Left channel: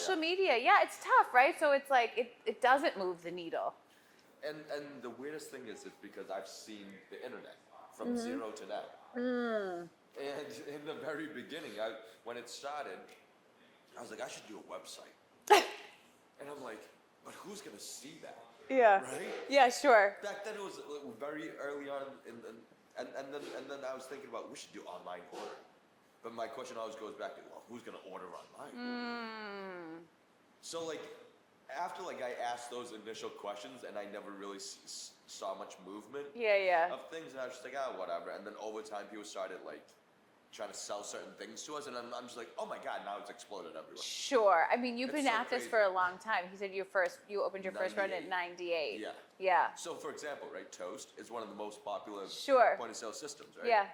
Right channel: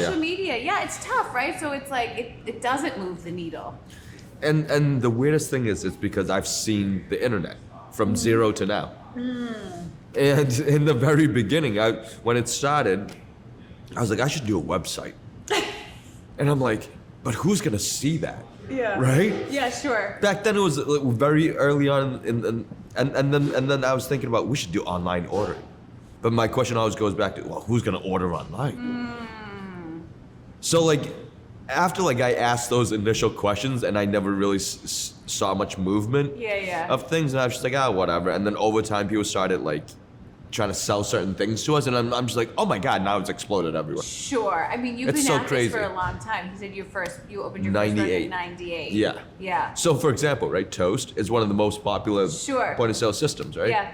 social media. Yeah, it's tough, right? So it's like it doesn't move the needle. And the weirdest thing is, it's because I've seen the internet from zero to now. And in the very beginning, when it started, I was like, I should do a website. And I'm like, but who's gonna see that? Yeah. Right? Yeah, sure. Back then it was like very early on, and then I was thinking about we should do online ordering. But my question always goes back to, well, who's gonna order online? So like, after like I asked those initial questions and I never really saw much movement of things, and I was just like, whatever. And then over time, people started like trying to sell certain things to us, and I'm just like, oh my god, now it's exploded everywhere. Sure. I mean, you've It's been so at crazy. this for a long time. You said you opened your first one in 98. Yeah. Yeah. So for example, right, Toast is one of the most popular Sure. point of sale systems, right? Yeah.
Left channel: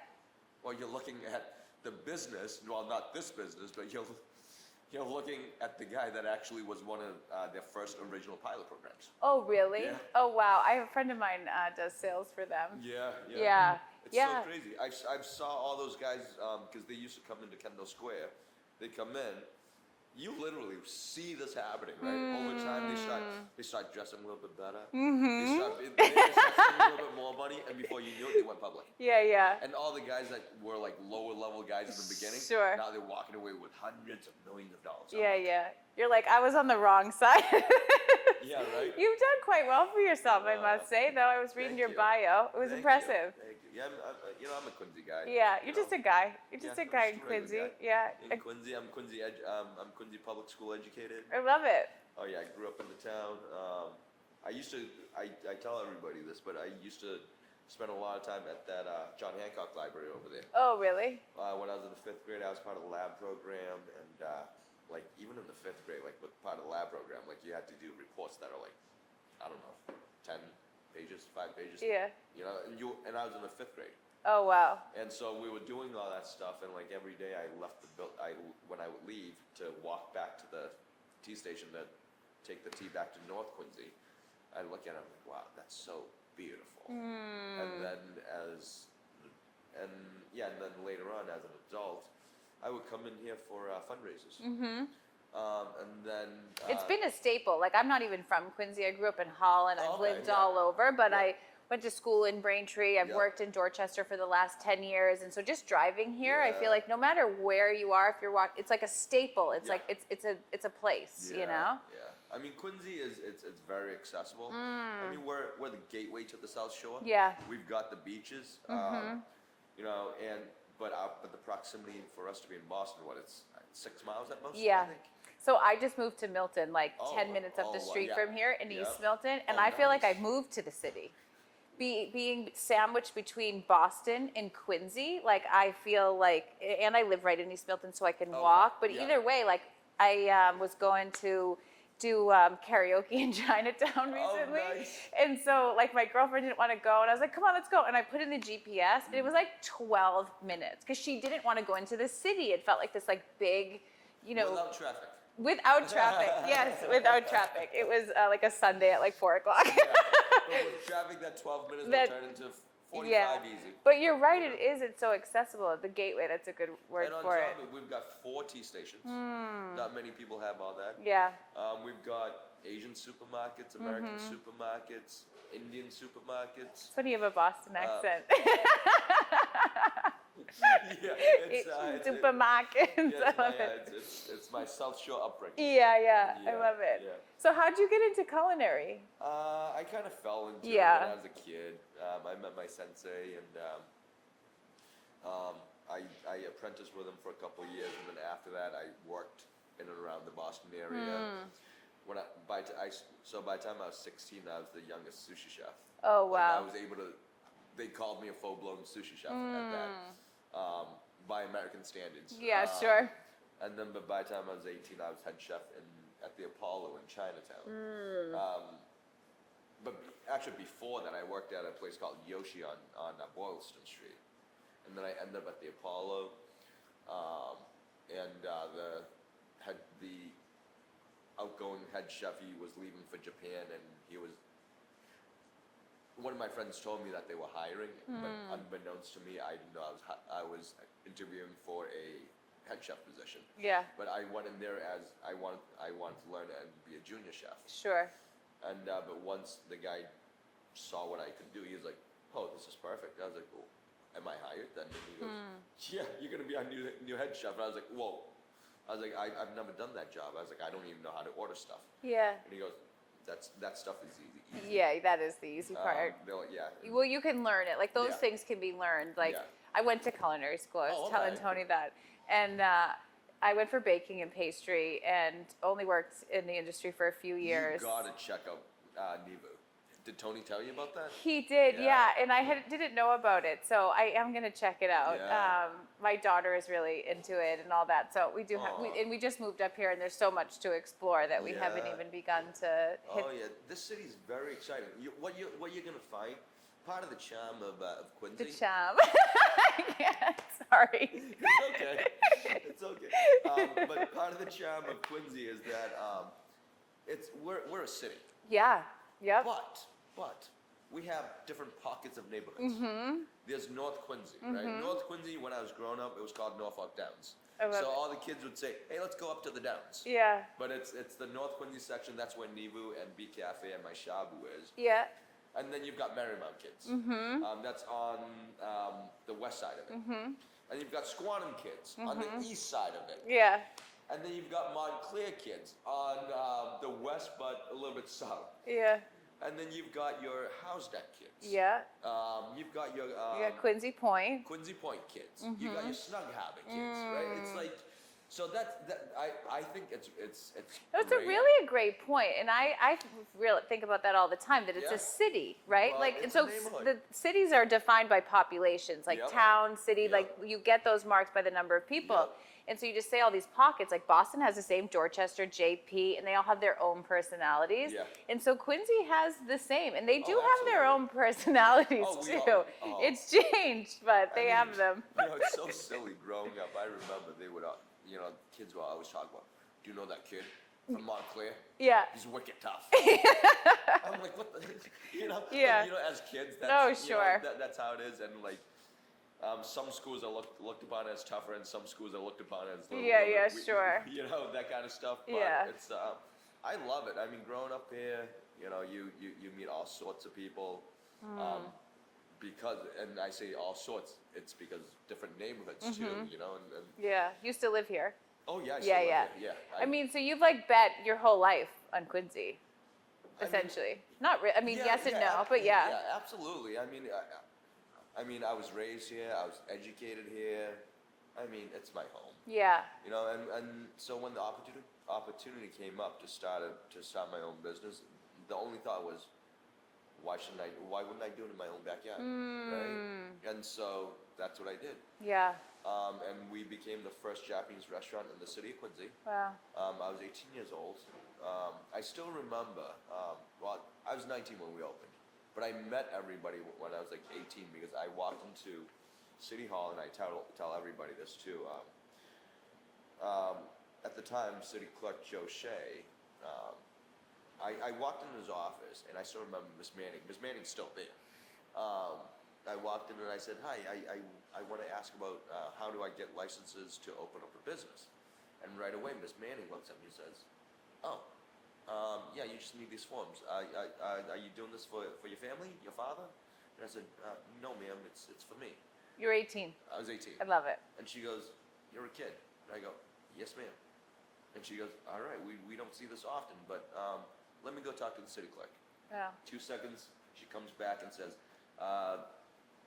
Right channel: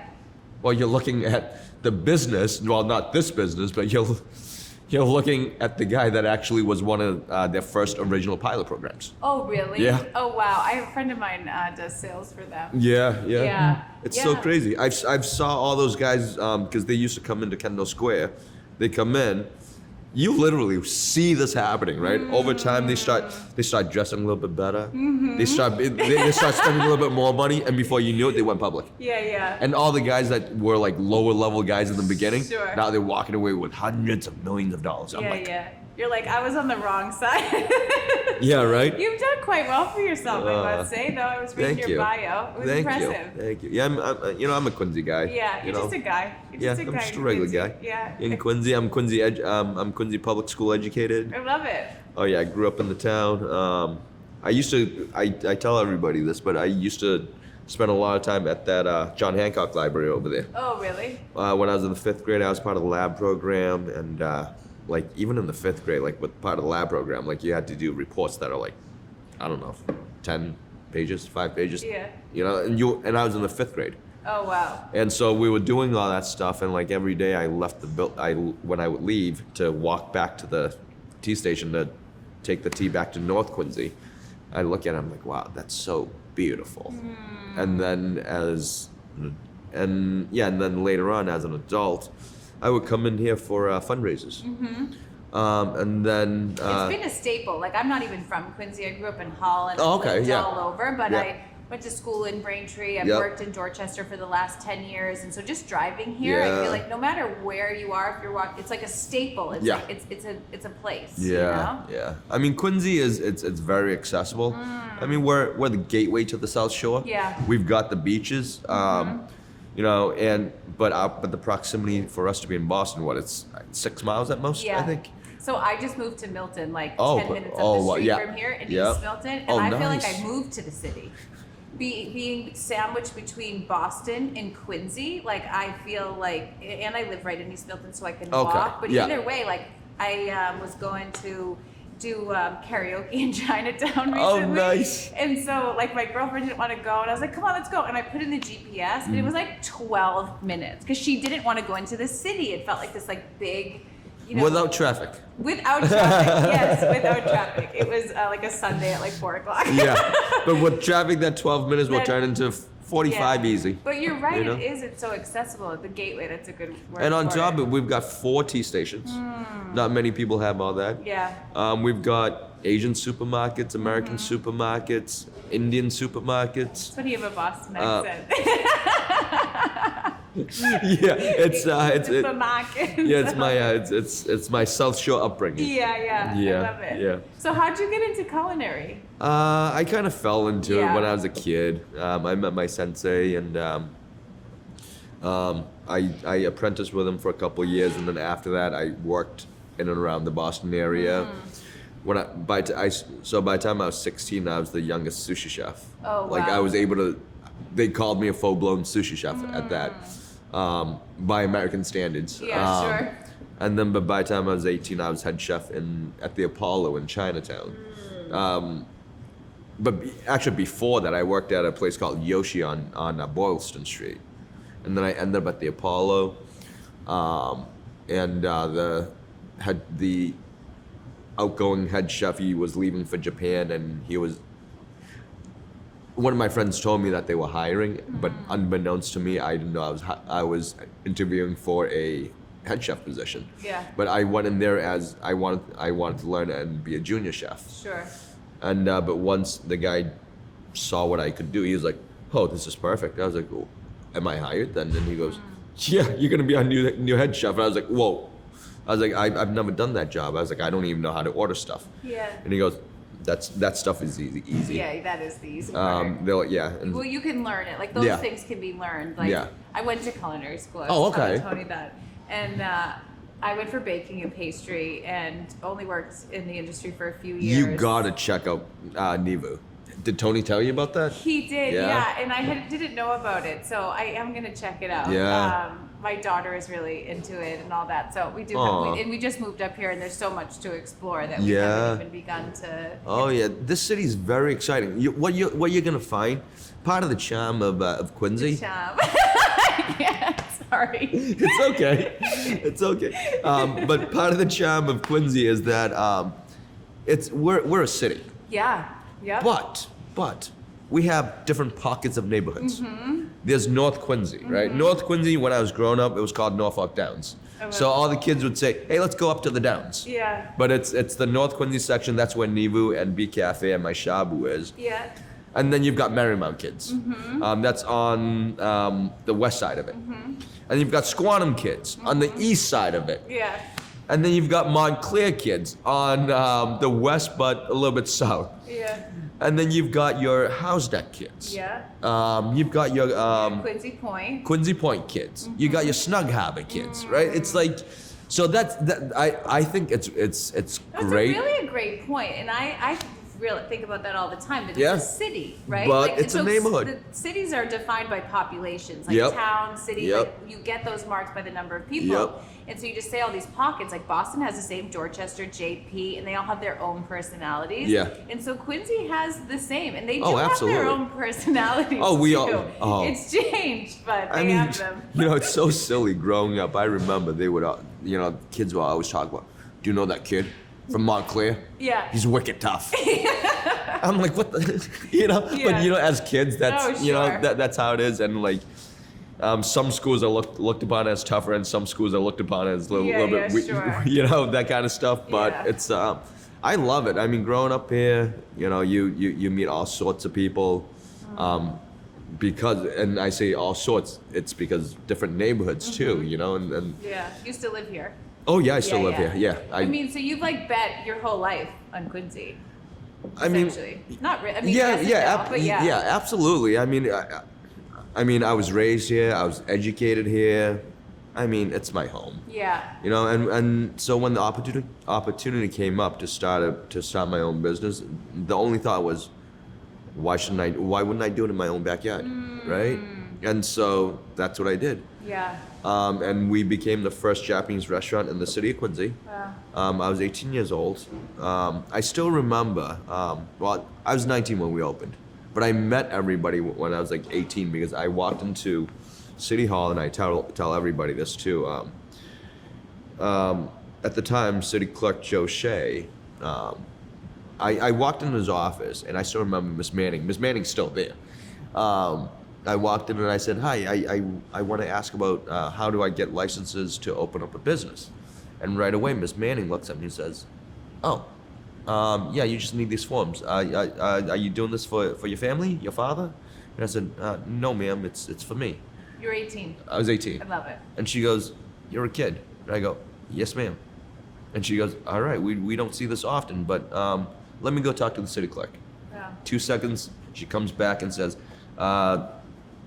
Well, you're looking at the business, well, not this business, but you're looking at the guy that actually was one of their first original pilot programs. Oh, really? Yeah. Oh, wow. I have a friend of mine does sales for them. Yeah. Yeah. It's so crazy. I've saw all those guys because they used to come into Kendall Square. They come in. You literally see this happening, right? Over time, they start dressing a little bit better. They start spending a little bit more money, and before you knew it, they went public. Yeah. And all the guys that were like lower level guys in the beginning, Sure. now they're walking away with hundreds of millions of dollars. I'm like, Yeah. You're like, I was on the wrong side. yeah, right? You've done quite well for yourself, I must say, though. I was reading Thank your you. bio. It was Thank impressive. you. Thank you. Yeah, I'm a Quincy guy. Yeah, you you're know? just a guy. You're just a I'm guy. just a regular Quincy. guy. Yeah. In Quincy, I'm Quincy public school educated. I love it. Oh yeah, I grew up in the town. I tell everybody this, but I used to spend a lot of time at that John Hancock library over there. Oh, really? When I was in the 5th grade, I was part of the lab program, and like even in the 5th grade, like with part of the lab program, like you had to do reports that are like, I don't know, 10 pages, 5 pages. Yeah. You know, and I was in the 5th grade. Oh, wow. And so we were doing all that stuff, and like every day I left when I would leave to walk back to the T station to take the T back to North Quincy, I look at it, I'm like, wow, that's so beautiful. And then and then later on as an adult, I would come in here for fundraisers. And then It's been a staple. Like, I'm not even from Quincy. I grew up in Hull and Oh, I've okay, lived yeah. all over, but Yeah. I went to school in Braintree. I've Yep. worked in Dorchester for the last 10 years. And so just driving here, I Yeah. feel like no matter where you are, if you're walking, it's like a staple. It's Yeah. like, it's a place, yeah, you know? yeah. I mean, Quincy it's very accessible. I mean, we're the gateway to the South Shore. Yeah. We've got the beaches, you know, but the proximity for us to be in Boston, it's 6 miles at most, Yeah. I think. So I just moved to Milton, like Oh, 10 but- minutes oh, up the well, street yeah. from here in Yeah. East Milton. And Oh, I feel like nice. I moved to the city. Being sandwiched between Boston and Quincy, like I feel like, and I live right in East Milton, so I can Okay, walk. But yeah. either way, like I was going to do karaoke in Chinatown recently. Oh, nice. And so like my girlfriend didn't want to go, and I was like, come on, let's go. And I put in the GPS, and it Mm. was like 12 minutes because she didn't want to go into the city. It felt like this like big, you know, Without traffic. Without traffic, yes, without traffic. It was like a Sunday at like 4 o'clock. Yeah. But with traffic, that 12 minutes will That- turn into 45 Yeah. easy. But you're right, You know? it is. It's so accessible at the gateway. That's a good word. And on for top it. of it, we've got 4 T stations. Not many people have all that. Yeah. We've got Asian supermarkets, American supermarkets, Indian supermarkets. That's when you have a Boston Uh, accent. Yeah, it's Supermarket. it's my South Shore upbringing. Yeah. Yeah, I love it. yeah. So how'd you get into culinary? I kind of fell into it Yeah. when I was a kid. I met my sensei, and I apprenticed with him for a couple of years, and then after that, I worked in and around the Boston area. By the time I was 16, I was the youngest sushi chef. Oh, Like I wow. was able to. They called me a full-blown sushi chef at that, by American standards. Yeah, sure. And then, but by the time I was 18, I was head chef at the Apollo in Chinatown. Actually, before that, I worked at a place called Yoshi on Boylston Street, and then I ended up at the Apollo, and the outgoing head chef, he was leaving for Japan, and one of my friends told me that they were hiring, but unbeknownst to me, I didn't know I was interviewing for a head chef position. Yeah. But I went in there as I wanted to learn and be a junior chef. Sure. And but once the guy saw what I could do, he was like, "Oh, this is perfect." I was like, oh, "Am I hired then?" And he goes, "Yeah, you're gonna be our new head chef." And I was like, "Whoa." I was like, I've never done that job. I was like, I don't even know how to order stuff. Yeah. And he goes, that stuff is easy. Yeah, that is the easy part. And Well, you can learn it. Like those Yeah. things can be learned. Like Yeah. I went to culinary school. I Oh, was telling okay. Tony that, and I went for baking and pastry, and only worked in the industry for a few years. you gotta check out Nivu. Did Tony tell you about that? He did, Yeah. and I didn't know about it, so I am gonna check it out. Yeah. My daughter is really into it and all that, so we do. Aw. And we just moved up here, and there's so much to explore that we Yeah. haven't even begun to. Oh yeah, this city is very exciting. What you're gonna find, part of the charm of Quincy. Shop. Yeah, sorry. It's okay. It's okay. But part of the charm of Quincy is that we're a city, Yeah. Yep. but we have different pockets of neighborhoods. Mm-hmm. There's North Quincy, right? North Quincy, when I was growing up, it was called Norfolk Downs. Oh, So wow. all the kids would say, "Hey, let's go up to the Downs." Yeah. But it's the North Quincy section. That's where Nivu and B Cafe and my Shabu is. Yeah. And then you've got Marymount kids. That's on the west side of it. And you've got Squantum kids on the east side of it. Yeah. And then you've got Montclair kids on the west, but a little bit south. Yeah. And then you've got your House Deck kids. Yeah. You've got your Quincy Point. Quincy Point kids. You got your Snug Harbor kids, right? It's like, so I think it's That's great. a great point, and I really think about that all the time. That it's Yeah. a city, right? But it's a neighborhood. The cities are defined by populations, like Yep. town, city. Yep. Like you get those marked by the number of people. Yep. And so you just say all these pockets, like Boston has the same, Dorchester, JP, and they all have their own personalities. Yeah. And so Quincy has the same, and they do Oh, have their absolutely. own personalities Oh, we too. all- oh. It's changed, but they have them. It's so silly growing up. I remember they would, kids would always talk about, "Do you know that kid from Montclair? Yeah. He's wicked tough." I'm like, what the, Yeah. But as kids, that's, Oh, sure. that's how it is. And like, some schools are looked upon as tougher, and some schools are looked upon as a little bit, sure. that kind of stuff. But Yeah. it's, I love it. I mean, growing up here, you meet all sorts of people. Because, and I say all sorts, it's because different neighborhoods too, and Yeah. Used to live here. oh yeah, I still live here. Yeah, I mean, so you've like bet your whole life on Quincy. I mean, Essentially. Not really. I mean, yeah, yes and yeah, no, but yeah. yeah, absolutely. I mean, I was raised here. I was educated here. I mean, it's my home. Yeah. And so when the opportunity came up to start my own business, the only thought was, why wouldn't I do it in my own backyard, right? And so that's what I did. Yeah. And we became the first Japanese restaurant in the city of Quincy. Wow. I was 18 years old. I still remember, well, I was 19 when we opened, but I met everybody when I was like 18 because I walked into City Hall, and I tell everybody this too. At the time, City Clerk Joe Shea, I walked into his office, and I still remember Miss Manning. Miss Manning's still there. I walked in and I said, "Hi, I want to ask about how do I get licenses to open up a business?" And right away, Miss Manning looks at me and says, "Oh, yeah, you just need these forms. Are you doing this for your family, your father?" And I said, "No, ma'am, it's for me." You're 18. I was 18. I love it. And she goes, "You're a kid." And I go, "Yes, ma'am." And she goes, "All right, we don't see this often, but let me go talk to the city clerk." Yeah. 2 seconds, she comes back and says, "The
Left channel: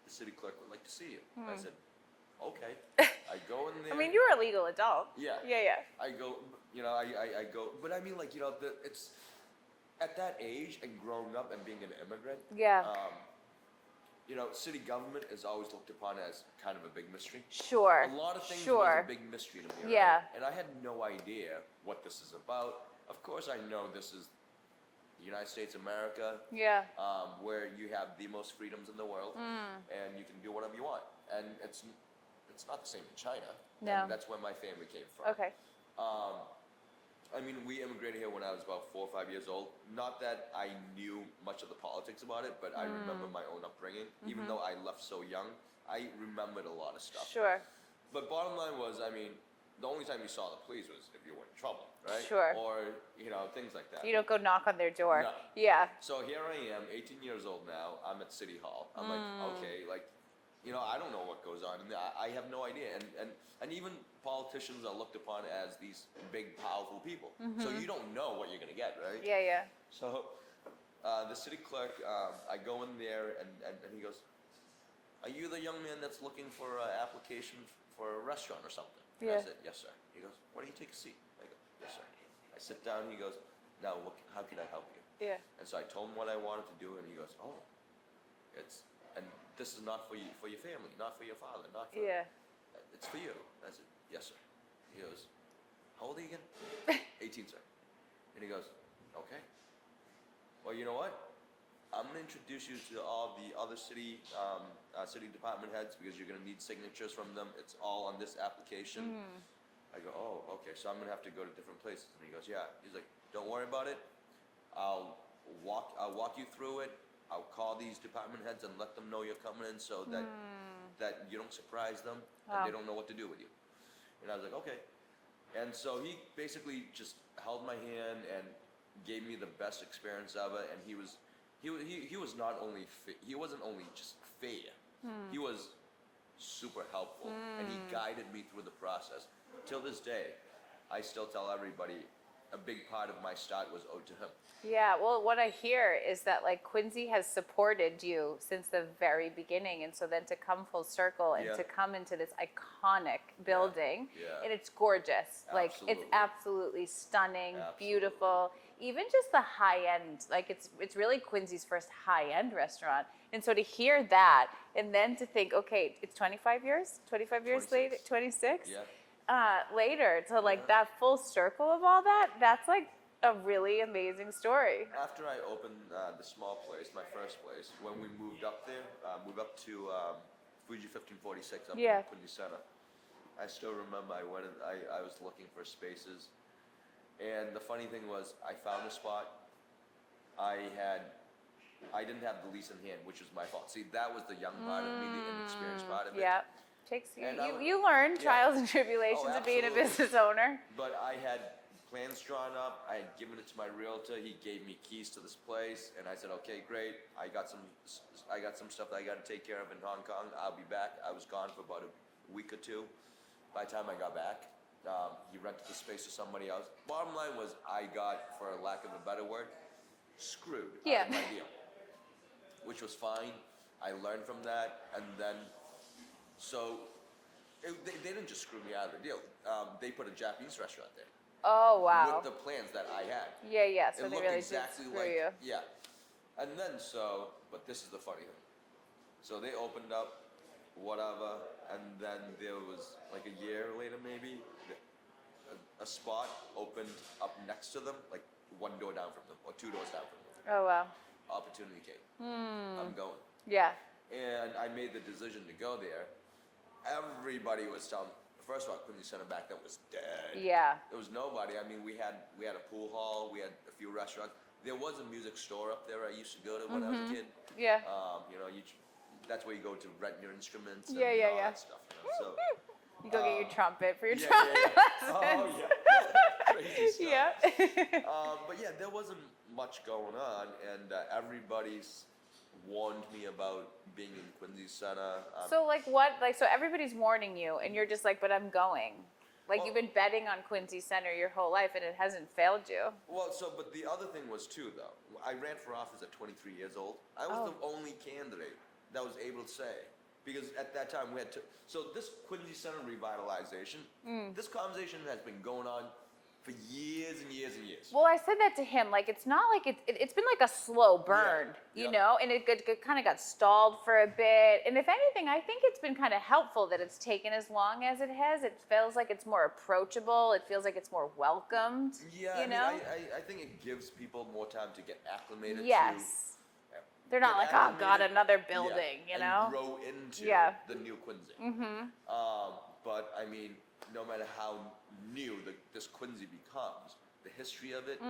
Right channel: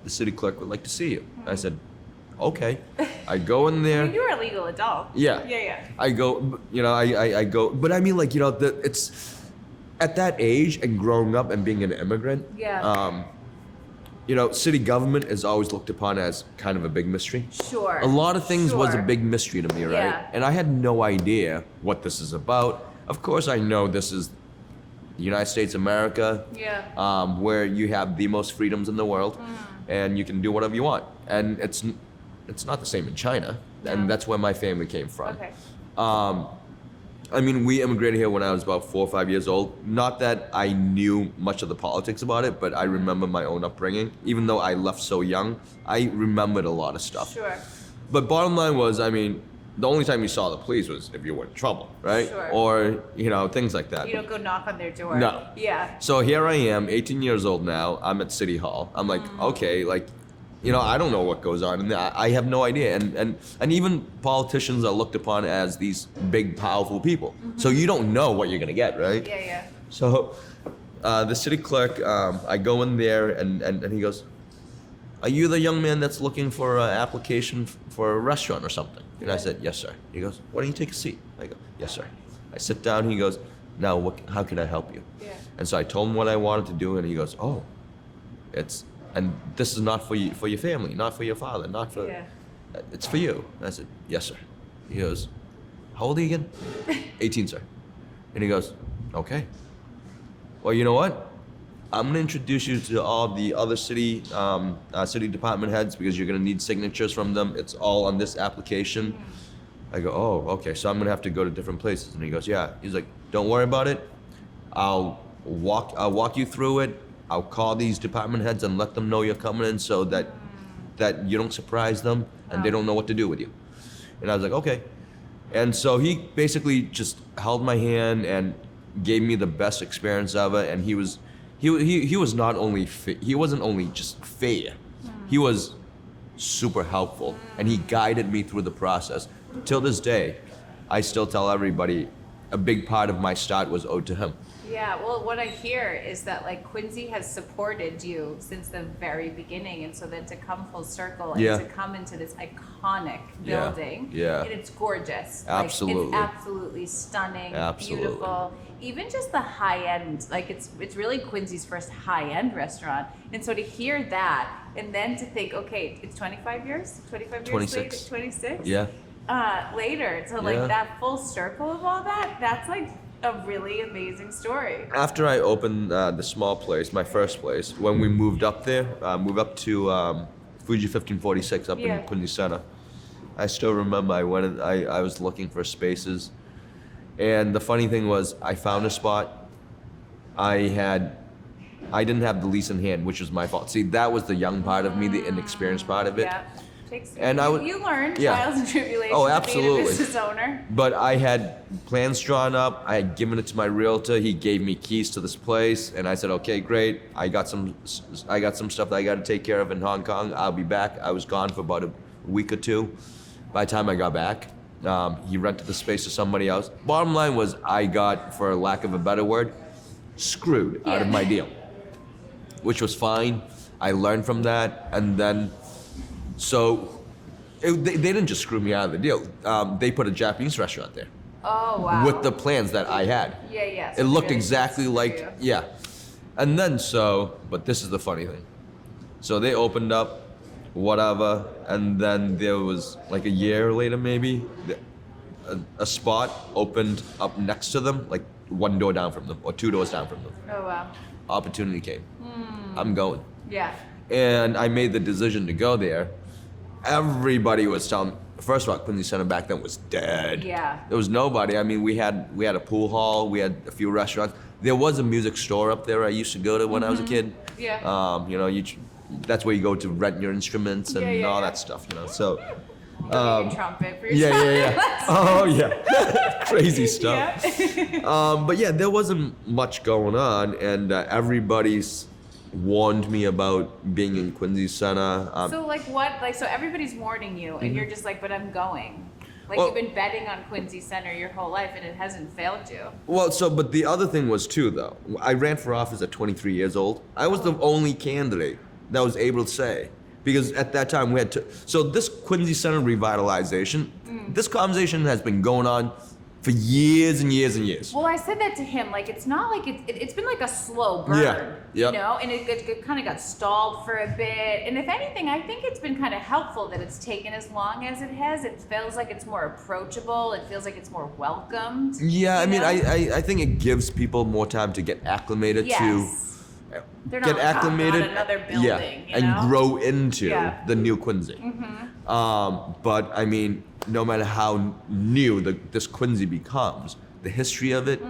city clerk would like to see you." I said, "Okay." I go in there. I mean, you're a legal adult. Yeah. Yeah. I go, I go, but I mean, like, it's at that age and growing up and being an immigrant. Yeah. City government is always looked upon as kind of a big mystery. Sure. A lot of things was a Sure. big mystery to me, right? Yeah. And I had no idea what this is about. Of course, I know this is the United States of America, Yeah. where you have the most freedoms in the world, Mm. and you can do whatever you want. And it's not the same in China, No. and that's where my family came from. Okay. I mean, we immigrated here when I was about 4 or 5 years old. Not that I knew much of the politics about it, but I remember my own upbringing. Even though I left so young, I remembered a lot of stuff. Sure. But bottom line was, I mean, the only time you saw the police was if you were in trouble, right? Sure. Or things like that. You don't go knock on their door. No. Yeah. So here I am, 18 years old now. I'm at City Hall. I'm like, okay, like, I don't know what goes on, and I have no idea. And even politicians are looked upon as these big, powerful people. So you don't know what you're gonna get, right? Yeah, yeah. So the city clerk, I go in there, and he goes, "Are you the young man that's looking for an application for a restaurant or something?" And I said, "Yes, sir." He goes, "Why don't you take a seat?" I go, "Yes, sir." I sit down. He goes, "Now, how can I help you?" Yeah. And so I told him what I wanted to do, and he goes, "Oh, and this is not for you, for your family, not for your father, not for, Yeah. it's for you." And I said, "Yes, sir." He goes, "How old are you again?" 18, sir. And he goes, "Okay. Well, you know what? I'm gonna introduce you to all the other city department heads because you're gonna need signatures from them. It's all on this application." I go, "Oh, okay. So I'm gonna have to go to different places." And he goes, "Yeah." He's like, "Don't worry about it. I'll walk you through it. I'll call these department heads and let them know you're coming in so that you don't surprise them and they don't know what to do with you." And I was like, "Okay." And so he basically just held my hand and gave me the best experience ever. And he was not only he wasn't only just fair, he was super helpful, and he guided me through the process. Till this day, I still tell everybody a big part of my start was owed to him. Yeah, well, what I hear is that like Quincy has supported you since the very beginning, and so then to come full circle and Yeah. to come into this iconic Yeah, building, yeah. and it's gorgeous. Absolutely. Like, it's absolutely stunning, Absolutely. beautiful. Even just the high end, like it's really Quincy's first high end restaurant, and so to hear that, and then to think, okay, it's 25 years 26. later, 26. Yeah. Later to like Yeah. that full circle of all that. That's like a really amazing story. After I opened the small place, my first place, when we moved up there, moved up to Fuji 1546 up Yeah. in Quincy Center, I still remember I went and I was looking for spaces, and the funny thing was I found a spot. I didn't have the lease in hand, which was my fault. See, that was the young part of me, the inexperienced part of it. Yeah. Takes And you learn yeah. trials and tribulations Oh, of being a absolutely. business owner. But I had plans drawn up. I had given it to my realtor. He gave me keys to this place, and I said, "Okay, great. I got some stuff that I got to take care of in Hong Kong. I'll be back." I was gone for about a week or two. By the time I got back, he rented the space to somebody else. Bottom line was, I got, for lack of a better word, screwed out of Yeah. my deal, which was fine. I learned from that, and then they didn't just screw me out of the deal. They put a Japanese restaurant there Oh wow. with the plans that I had. Yeah, yeah. so It they looked really exactly screw like, you. yeah. And then but this is the funny thing. So they opened up, whatever, and then there was like a year later maybe, a spot opened up next to them, like one door down from them or two doors down from them. Oh wow. Opportunity came. I'm going. Yeah. And I made the decision to go there. Everybody was telling me, first of all, Quincy Center back then was dead. Yeah. There was nobody. I mean, we had a pool hall, we had a few restaurants. There was a music store up there I used to go to when I was a kid. Yeah. That's where you go to rent your instruments and Yeah, all yeah. that stuff, So You go get your trumpet for your yeah. Oh yeah, crazy stuff. Yeah. But yeah, there wasn't much going on, and everybody's warned me about being in Quincy Center. So like what? Like so everybody's warning you, and you're just like, but I'm going. Like Well- you've been betting on Quincy Center your whole life, and it hasn't failed you. Well, but the other thing was too, though. I ran for office at 23 years old. I was the only candidate that was able to say, because at that time we had to. So this Quincy Center revitalization, this conversation has been going on for years and years and years. Well, I said that to him. Like, it's not like it's been like a slow burn, Yeah, yep. you know, and it kind of got stalled for a bit. And if anything, I think it's been kind of helpful that it's taken as long as it has. It feels like it's more approachable. It feels like it's more welcomed. Yeah, I you mean, know? I think it gives people more time to get acclimated Yes. to. They're Get not like, acclimated, oh, God, another building, you and know? grow into Yeah. the new Quincy. But I mean, no matter how new this Quincy becomes, the history of it,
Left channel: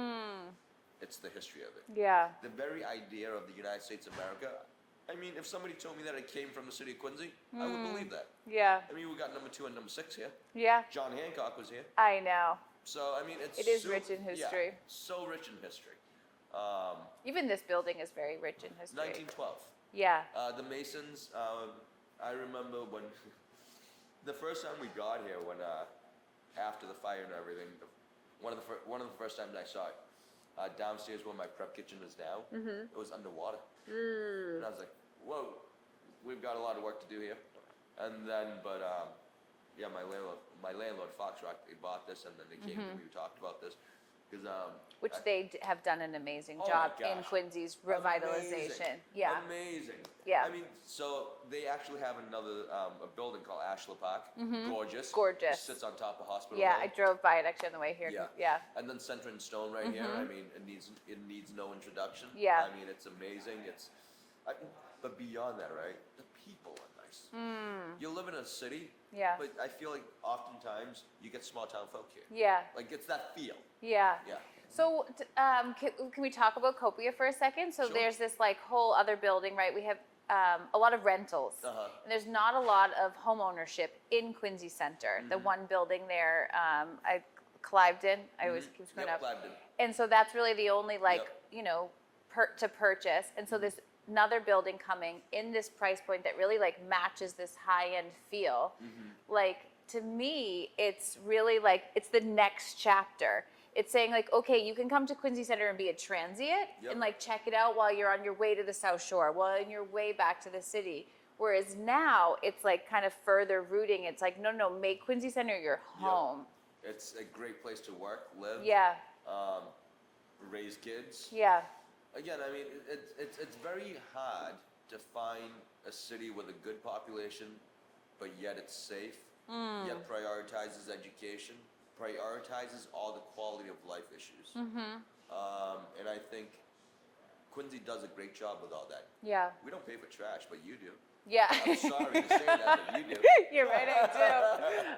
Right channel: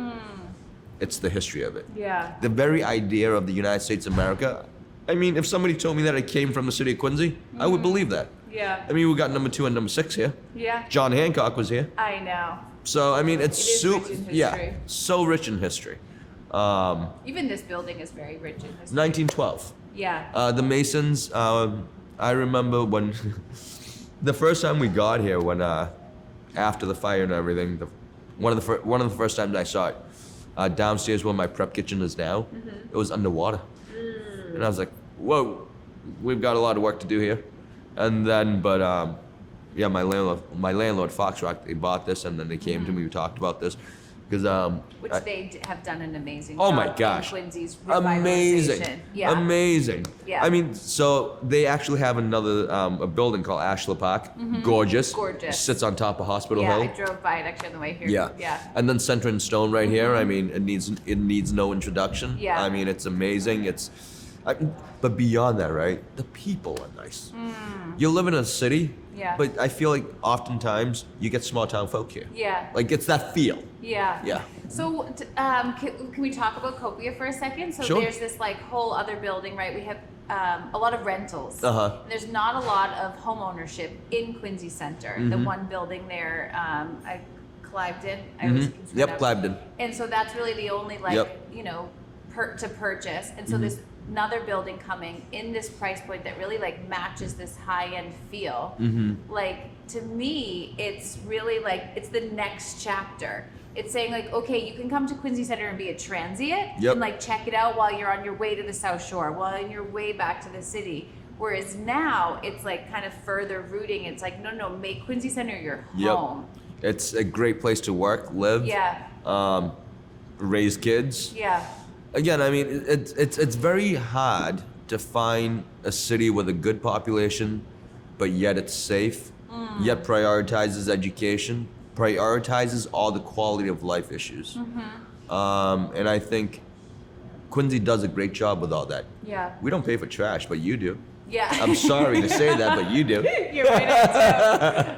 it's the history of it. Yeah. The very idea of the United States of America. I mean, if somebody told me that it came from the city of Quincy, I would believe that. Yeah. I mean, we got number 2 and number 6 here. Yeah. John Hancock was here. I know. So I mean, it's It is super, rich in yeah, history. so rich in history. Even this building is very rich in history. 1912. Yeah. The Masons. I remember when the first time we got here, when after the fire and everything, one of the first times I saw it, downstairs where my prep kitchen is now, it was underwater, and I was like, whoa, we've got a lot of work to do here. And then, but yeah, my landlord Fox Rock, they bought this, and then they came to me. We talked about this because Which they have done an amazing oh job my gosh, in Quincy's amazing, revitalization. Yeah. amazing. Yeah. I mean, so they actually have another a building called Ashler Park, gorgeous. Gorgeous. Sits on top of Hospital Yeah, I Hill. drove by it actually on the way here. Yeah. Yeah. And then Center and Stone right here. I mean, it needs no introduction. Yeah. I mean, it's amazing. But beyond that, right? The people are nice. You live in a city. Yeah. But I feel like oftentimes you get small town folk here. Yeah. Like it's that feel. Yeah. Yeah. So, can we talk about Copia for a second? So Sure. there's this like whole other building, right? We have a lot of rentals. Uh-huh. And there's not a lot of home ownership in Quincy Center. The one building there, Cliveden. I always keep screwing Yep, up. Cliveden. And so that's really the only like Yep. to purchase. And so there's another building coming in this price point that really like matches this high end feel. Like to me, it's really like it's the next chapter. It's saying like, okay, you can come to Quincy Center and be a transient Yep. and like check it out while you're on your way to the South Shore, while on your way back to the city. Whereas now it's like kind of further rooting. It's like, no, make Quincy Center your Yep. home. It's a great place to work, live, Yeah. raise kids. Yeah. Again, I mean, it's very hard to find a city with a good population, but yet it's safe, yet prioritizes education, prioritizes all the quality of life issues. And I think Quincy does a great job with all that. Yeah. We don't pay for trash, but you do. Yeah. I'm sorry to say that, but you do. You're right,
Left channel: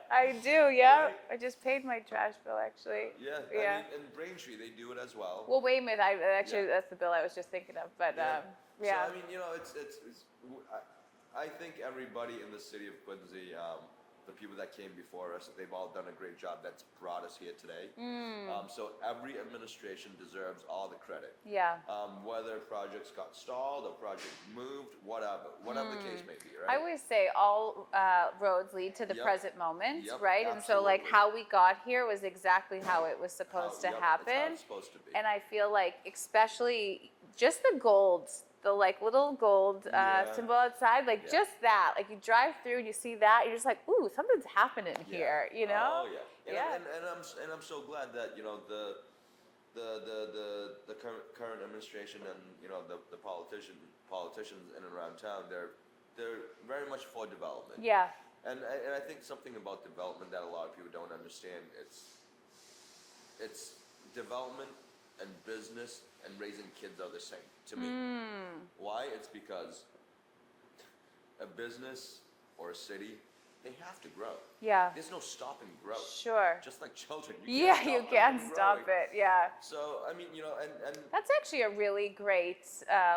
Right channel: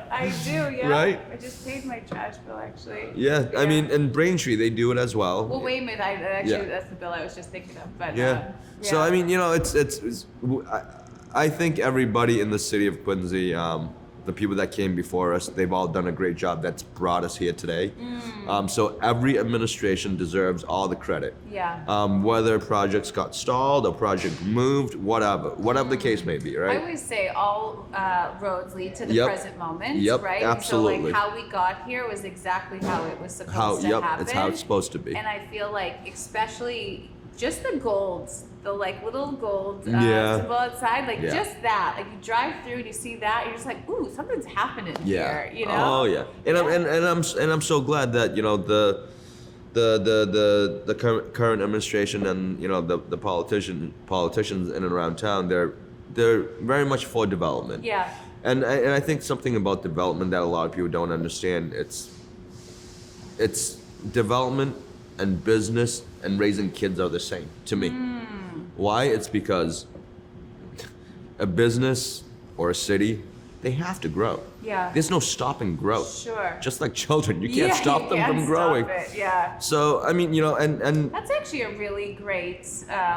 I do, yeah. Right? I just paid my trash bill, actually. Yeah, I mean, in Braintree, they do it as well. Well, wait a minute. Yeah. That's the bill I was just thinking of. But Yeah. So I mean, I think everybody in the city of Quincy, the people that came before us, they've all done a great job. That's brought us here today. So every administration deserves all the credit. Yeah. Whether projects got stalled or project moved, whatever the case may be, I right? always say all roads lead to the Yep. present moment, Yep, right? And so absolutely. like how we got here was exactly how it was supposed to happen. It's how it's supposed to be. And I feel like especially just the golds, the like little gold Yeah. symbol outside, like Yeah. just that. Like you drive through and you see that, you're just like, ooh, something's happening Yeah. here, you know? Oh yeah. And I'm so glad that the current administration and the politicians in and around town, they're very much for development. Yeah. And I think something about development that a lot of people don't understand, it's development and business and raising kids are the same to me. Why? It's because a business or a city, they have to grow. Yeah. There's no stopping growth. Sure. Just like children, you can't Yeah, stop you them can't from stop growing. it, yeah. So I mean, and That's actually a really great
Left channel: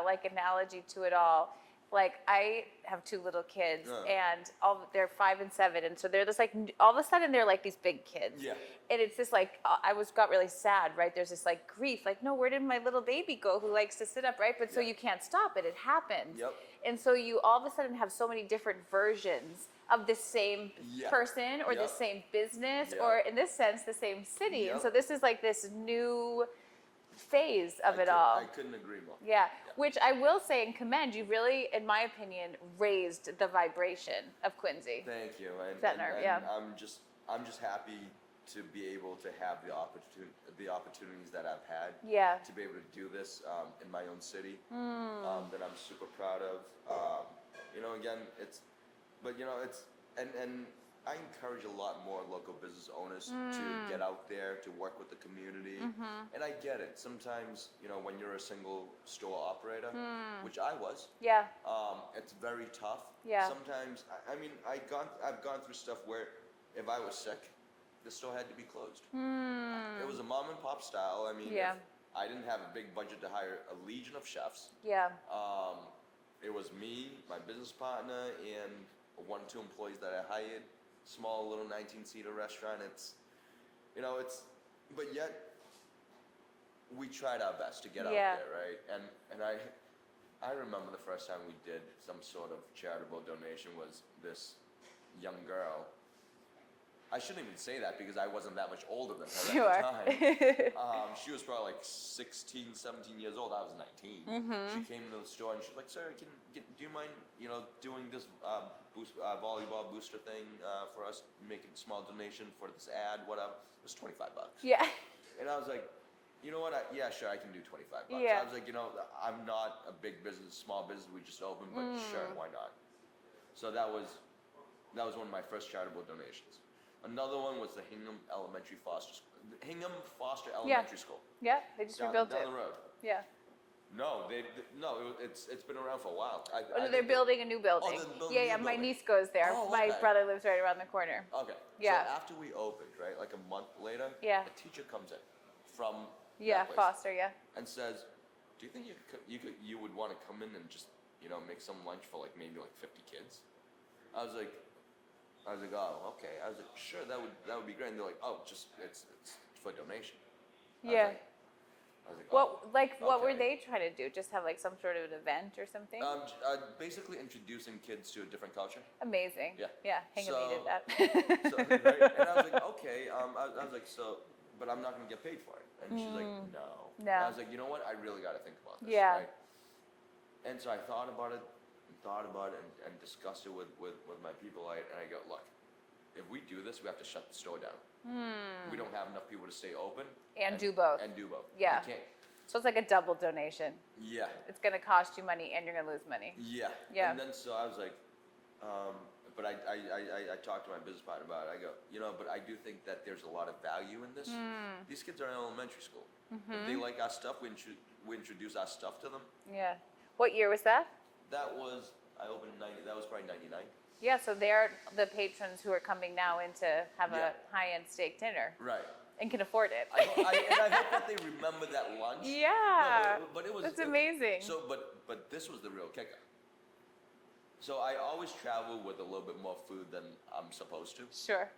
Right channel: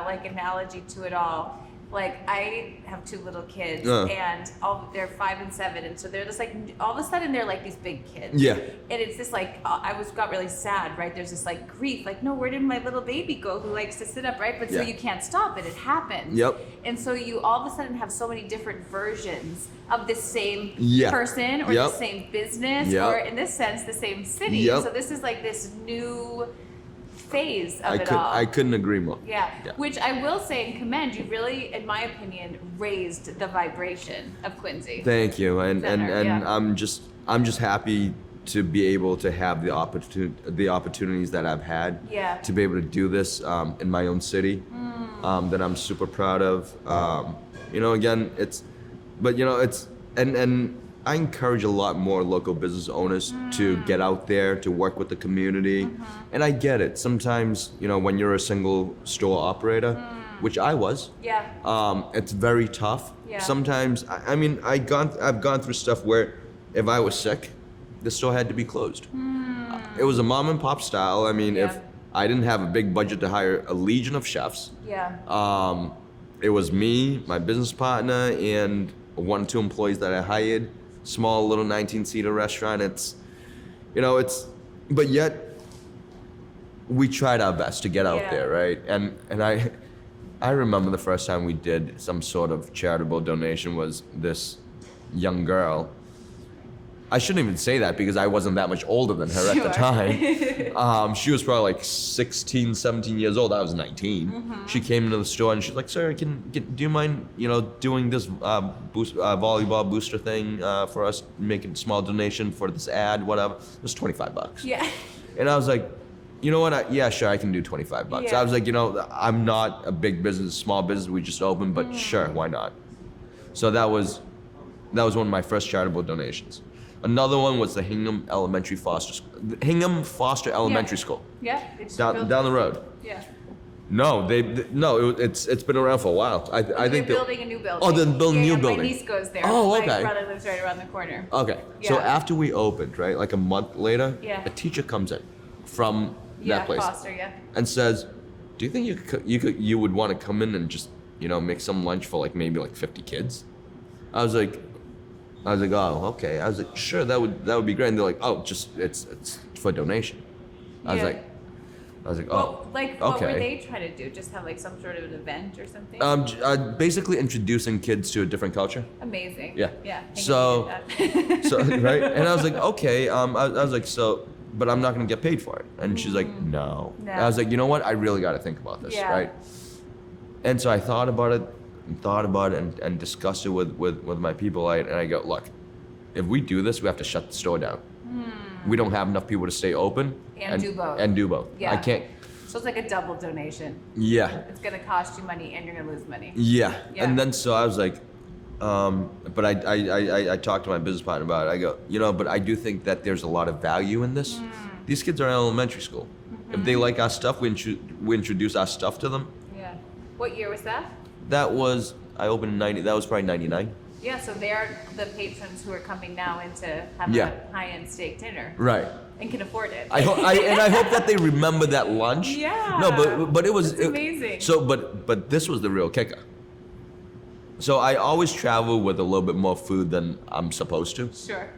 like analogy to it all. Like I have two little kids, and they're 5 and 7, and so they're just like all of a sudden they're like these big kids. Yeah. And it's this like got really sad, right? There's this like grief, like no, where did my little baby go who likes to sit up, right? But so Yeah. you can't stop it; it happens. Yep. And so you all of a sudden have so many different versions of the same Yeah. person or Yep. the same business Yep. or in this sense the same city. Yep. So this is like this new phase of it all. I couldn't agree more. Yeah. Yeah. Which I will say and commend, you really, in my opinion, raised the vibration of Quincy. Thank you, and Center, yeah. I'm just happy to be able to have the opportunities that I've had. Yeah. To be able to do this in my own city, that I'm super proud of. Again, and I encourage a lot more local business owners to get out there to work with the community, and I get it. Sometimes when you're a single store operator, which I was. Yeah. It's very tough. Yeah. Sometimes, I've gone through stuff where if I was sick, the store had to be closed. It was a mom and pop style. If Yeah. I didn't have a big budget to hire a legion of chefs, Yeah. it was me, my business partner, and one or two employees that I hired, small little 19-seater restaurant. It's, but yet we tried our best to get out there, right? And I remember the first time we did some sort of charitable donation was this young girl. I shouldn't even say that because I wasn't that much older than her at the time. She was probably like 16, 17 years old. I was 19. She came into the store and she's like, "Sir, do you mind, doing this volleyball booster thing for us, making a small donation for this ad, whatever?" It was $25. Yeah. And I was like, you know what? Yeah, sure, I can do $25. Yeah. I was like, I'm not a big business, small business. We just opened, but sure, why not? So that was one of my first charitable donations. Another one was the Hingham Foster Elementary School. Yeah. Down the road. Yeah. No, it's been around for a while. I think they're building a new building. Oh, they're building a new building. My niece goes there. Oh, okay. My brother lives right around the corner. Okay. So Yeah. after we opened, right, like a month later, Yeah. a teacher comes in from that place Foster, and says, "Do you think you would want to come in and just make some lunch for maybe 50 kids?" I was like, "Oh, okay." I was like, "Sure, that would be great." And they're like, "Oh, just it's for donation." I was like, "Oh, what okay." were they trying to do? Just have some sort of an event or something? Basically introducing kids to a different culture. Amazing. Yeah. Yeah. So, right, and I was like, okay. I was like, so, but I'm not gonna get paid for it. And she's like, no. And I was like, you know what? I really got to think about this, right? And so I thought about it, and discussed it with my people. And I go, look, if we do this, we have to shut the store down. We don't have enough people to stay open And do both. And do both. Yeah. I can't. So it's like a double donation. Yeah. It's gonna cost you money and you're gonna lose money. Yeah. Yeah. And then so I was like, but I talked to my business partner about it. I go, but I do think that there's a lot of value in this. These kids are in elementary school. If they like our stuff, we introduce our stuff to them. Yeah. What year was that? That was, I opened in 90, that was probably 99. Yeah, so they're the patrons who are coming now in to have a high-end steak dinner. Right. And can afford it. I hope that they remember that lunch. Yeah. No, but it was That's amazing. So, but this was the real kicker. So I always travel with a little bit more food than I'm supposed to. Sure.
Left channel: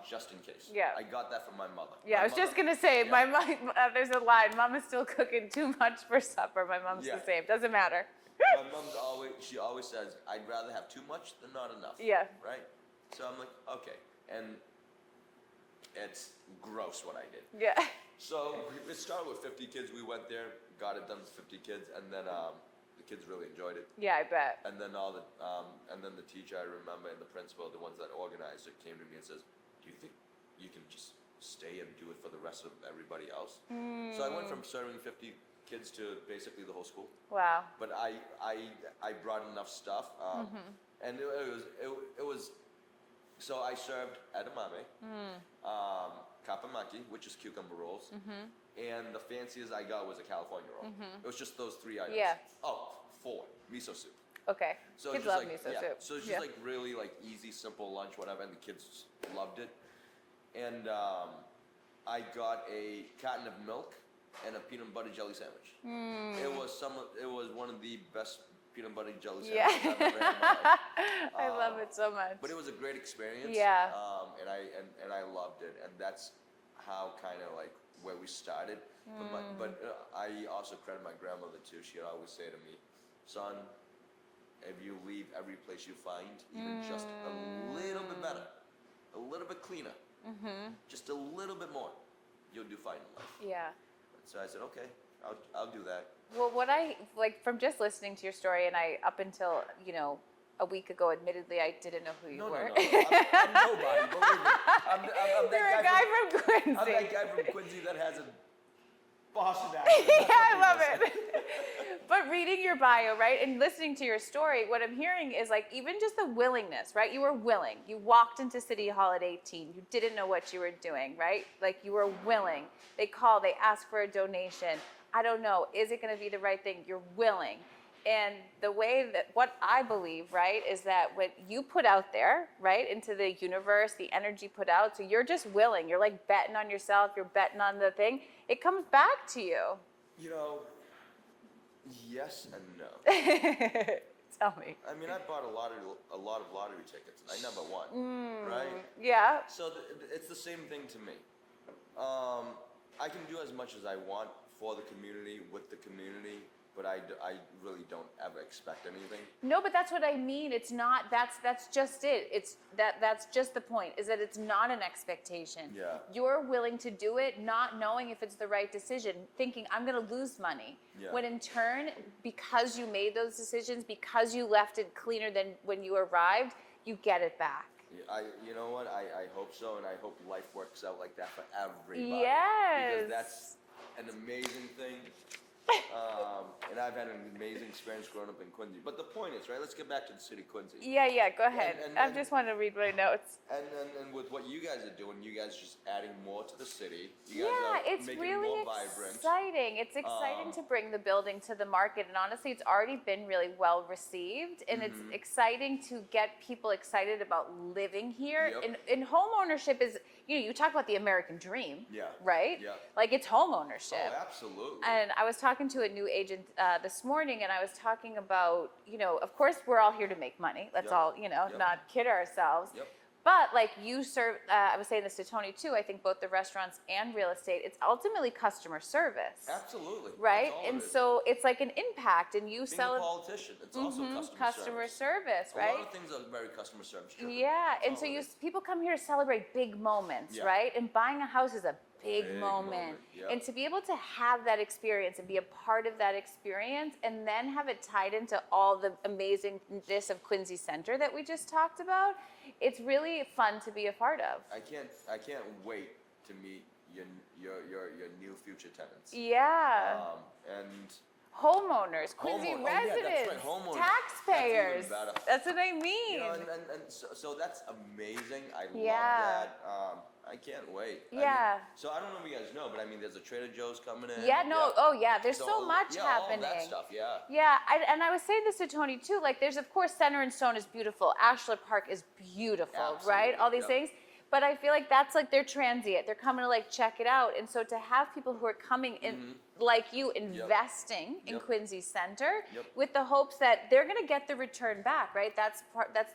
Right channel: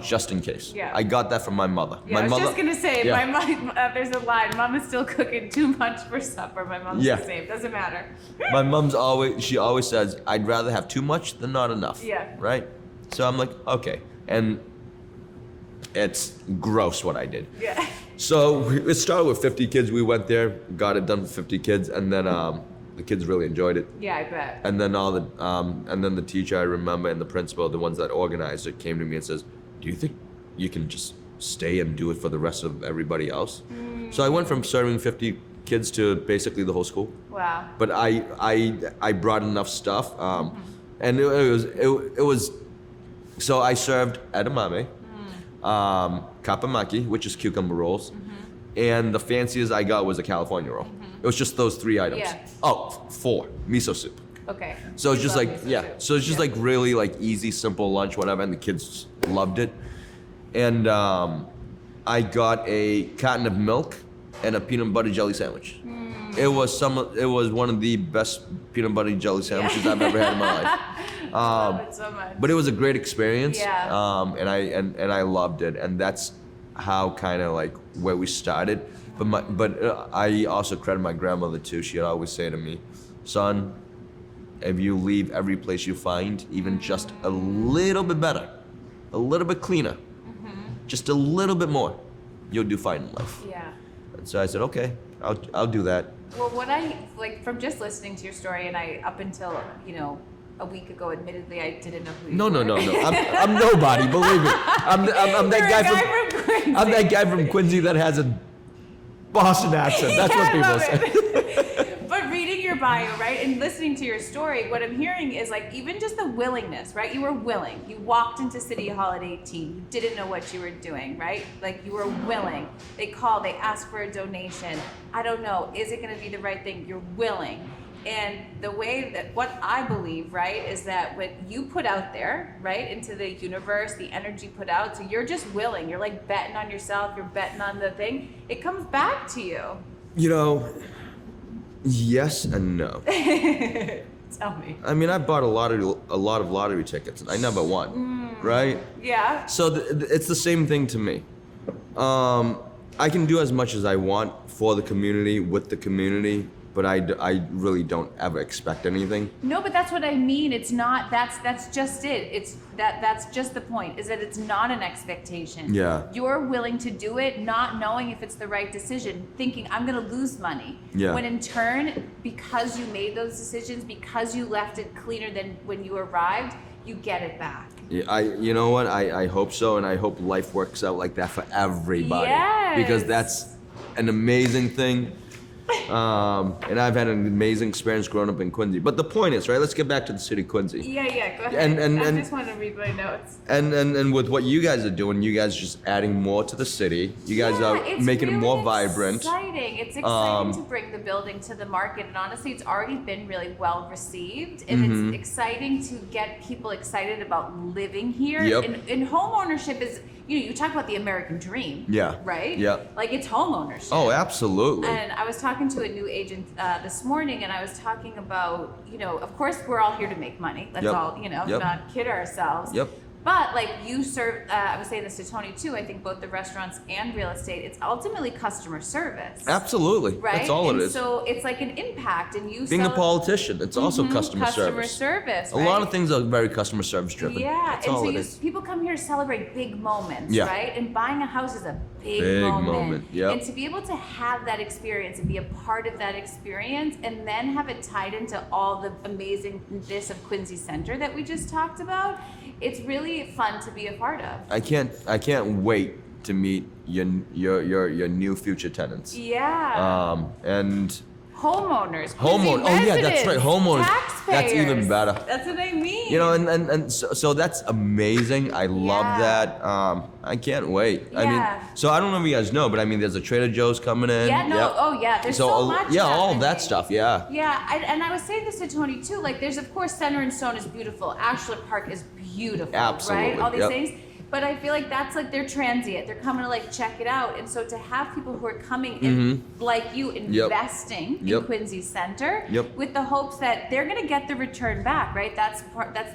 Just in case. Yeah. I got that from my mother. Yeah, I was just gonna say, Yeah. my mom. There's a line. Mom is still cooking too much for supper. My mom's the same. Doesn't matter. My mom's always says, I'd rather have too much than not enough. Yeah. Right? So I'm like, okay. And it's gross what I did. Yeah. So it started with 50 kids. We went there, got it done for 50 kids, and then the kids really enjoyed it. Yeah, I bet. And then and then the teacher I remember and the principal, the ones that organized it, came to me and says, "Do you think you can just stay and do it for the rest of everybody else?" So I went from serving 50 kids to basically the whole school. Wow. But I brought enough stuff, and it was. So I served edamame, kapamaki, which is cucumber rolls, and the fanciest I got was a California roll. It was just those 3 items. Yeah. Oh, 4 miso soup. Okay. So it's Kids just love like miso soup. so it's just like really easy, simple lunch, whatever, and the kids loved it. And I got a carton of milk and a peanut butter jelly sandwich. It was one of the best peanut butter jelly sandwiches I've ever had in my life. I love it so much. But it was a great experience. Yeah. And I loved it, and that's how kind of where we started. But I also credit my grandmother too. She'd always say to me, "Son, if you leave every place you find, even just a little bit better, a little bit cleaner, just a little bit more, you'll do fine in life." Yeah. And so I said, "Okay, I'll do that." Well, what I from just listening to your story, and I up until a week ago, admittedly, I didn't know who you No. were. I'm nobody. Believe me. I'm that You're guy a guy from Quincy. I'm that guy from Quincy that has a Boston accent. That's what I love people say. it. But reading your bio, right, and listening to your story, what I'm hearing is even just the willingness, right? You were willing. You walked into City Hall at 18. You didn't know what you were doing, right? You were willing. They called. They asked for a donation. I don't know. Is it going to be the right thing? You're willing. And the way that what I believe, right, is that what you put out there, right, into the universe, the energy put out, so you're just willing. You're betting on yourself. You're betting on the thing. It comes back to you. Yes and no. Tell me. I mean, I bought a lot of lottery tickets, and I never won, right? Yeah. So it's the same thing to me. I can do as much as I want for the community, with the community, but I really don't ever expect anything. No, but that's what I mean. It's not. That's just it. It's that's just the point. Is that it's not an expectation. Yeah. You're willing to do it, not knowing if it's the right decision, thinking I'm going to lose money. Yeah. When in turn, because you made those decisions, because you left it cleaner than when you arrived, you get it back. Yeah, you know what? I hope so, and I hope life works out like that for everybody. Yes. Because that's an amazing thing. And I've had an amazing experience growing up in Quincy. But the point is, right? Let's get back to the city of Quincy. Yeah, go ahead. And I just want to read my notes. And with what you guys are doing, you guys are just adding more to the city. You guys are making it more vibrant. It's exciting to bring the building to the market, and honestly, it's already been really well received, and it's exciting to get people excited about living here. Yep. And home ownership is, you talk about the American dream. Yeah. Right? Yeah. Like, it's home ownership. Oh, absolutely. And I was talking to a new agent this morning, and I was talking about, of course, we're all here to make money. Let's all, not kid ourselves. Yep. But like you serve, I was saying this to Tony too, I think both the restaurants and real estate, it's ultimately customer service. Absolutely. Right? That's all it is. So it's like an impact, and you Being a sell politician, it's also customer service. A lot of things are very customer service driven. Yeah, That's all it is. people come here to celebrate big moments, Yeah. right? And buying a house is a big moment. Yep. And to be able to have that experience and be a part of that experience, and then have it tied into all the amazingness of Quincy Center that we just talked about, it's really fun to be a part of. I can't wait to meet your new future tenants. Yeah. And homeowners. Oh yeah, that's right. Homeowners. Taxpayers. That's even better. That's what I mean. And so that's amazing. I love that. I can't wait. Yeah. I mean, so I don't know if you guys know, but I mean, there's a Trader Joe's coming in. Yeah, no, Yep. oh yeah, there's so much. Yeah, all of that happening. stuff. Yeah. Yeah, and I was saying this to Tony too. Like, there's of course Center and Stone is beautiful. Ashland Park is beautiful, Absolutely, right? All these yep. things. But I feel like that's like they're transient. They're coming to like check it out. And so to have people who are coming in, like you, investing in Quincy Center with the hopes that they're going to get the return back, right? That's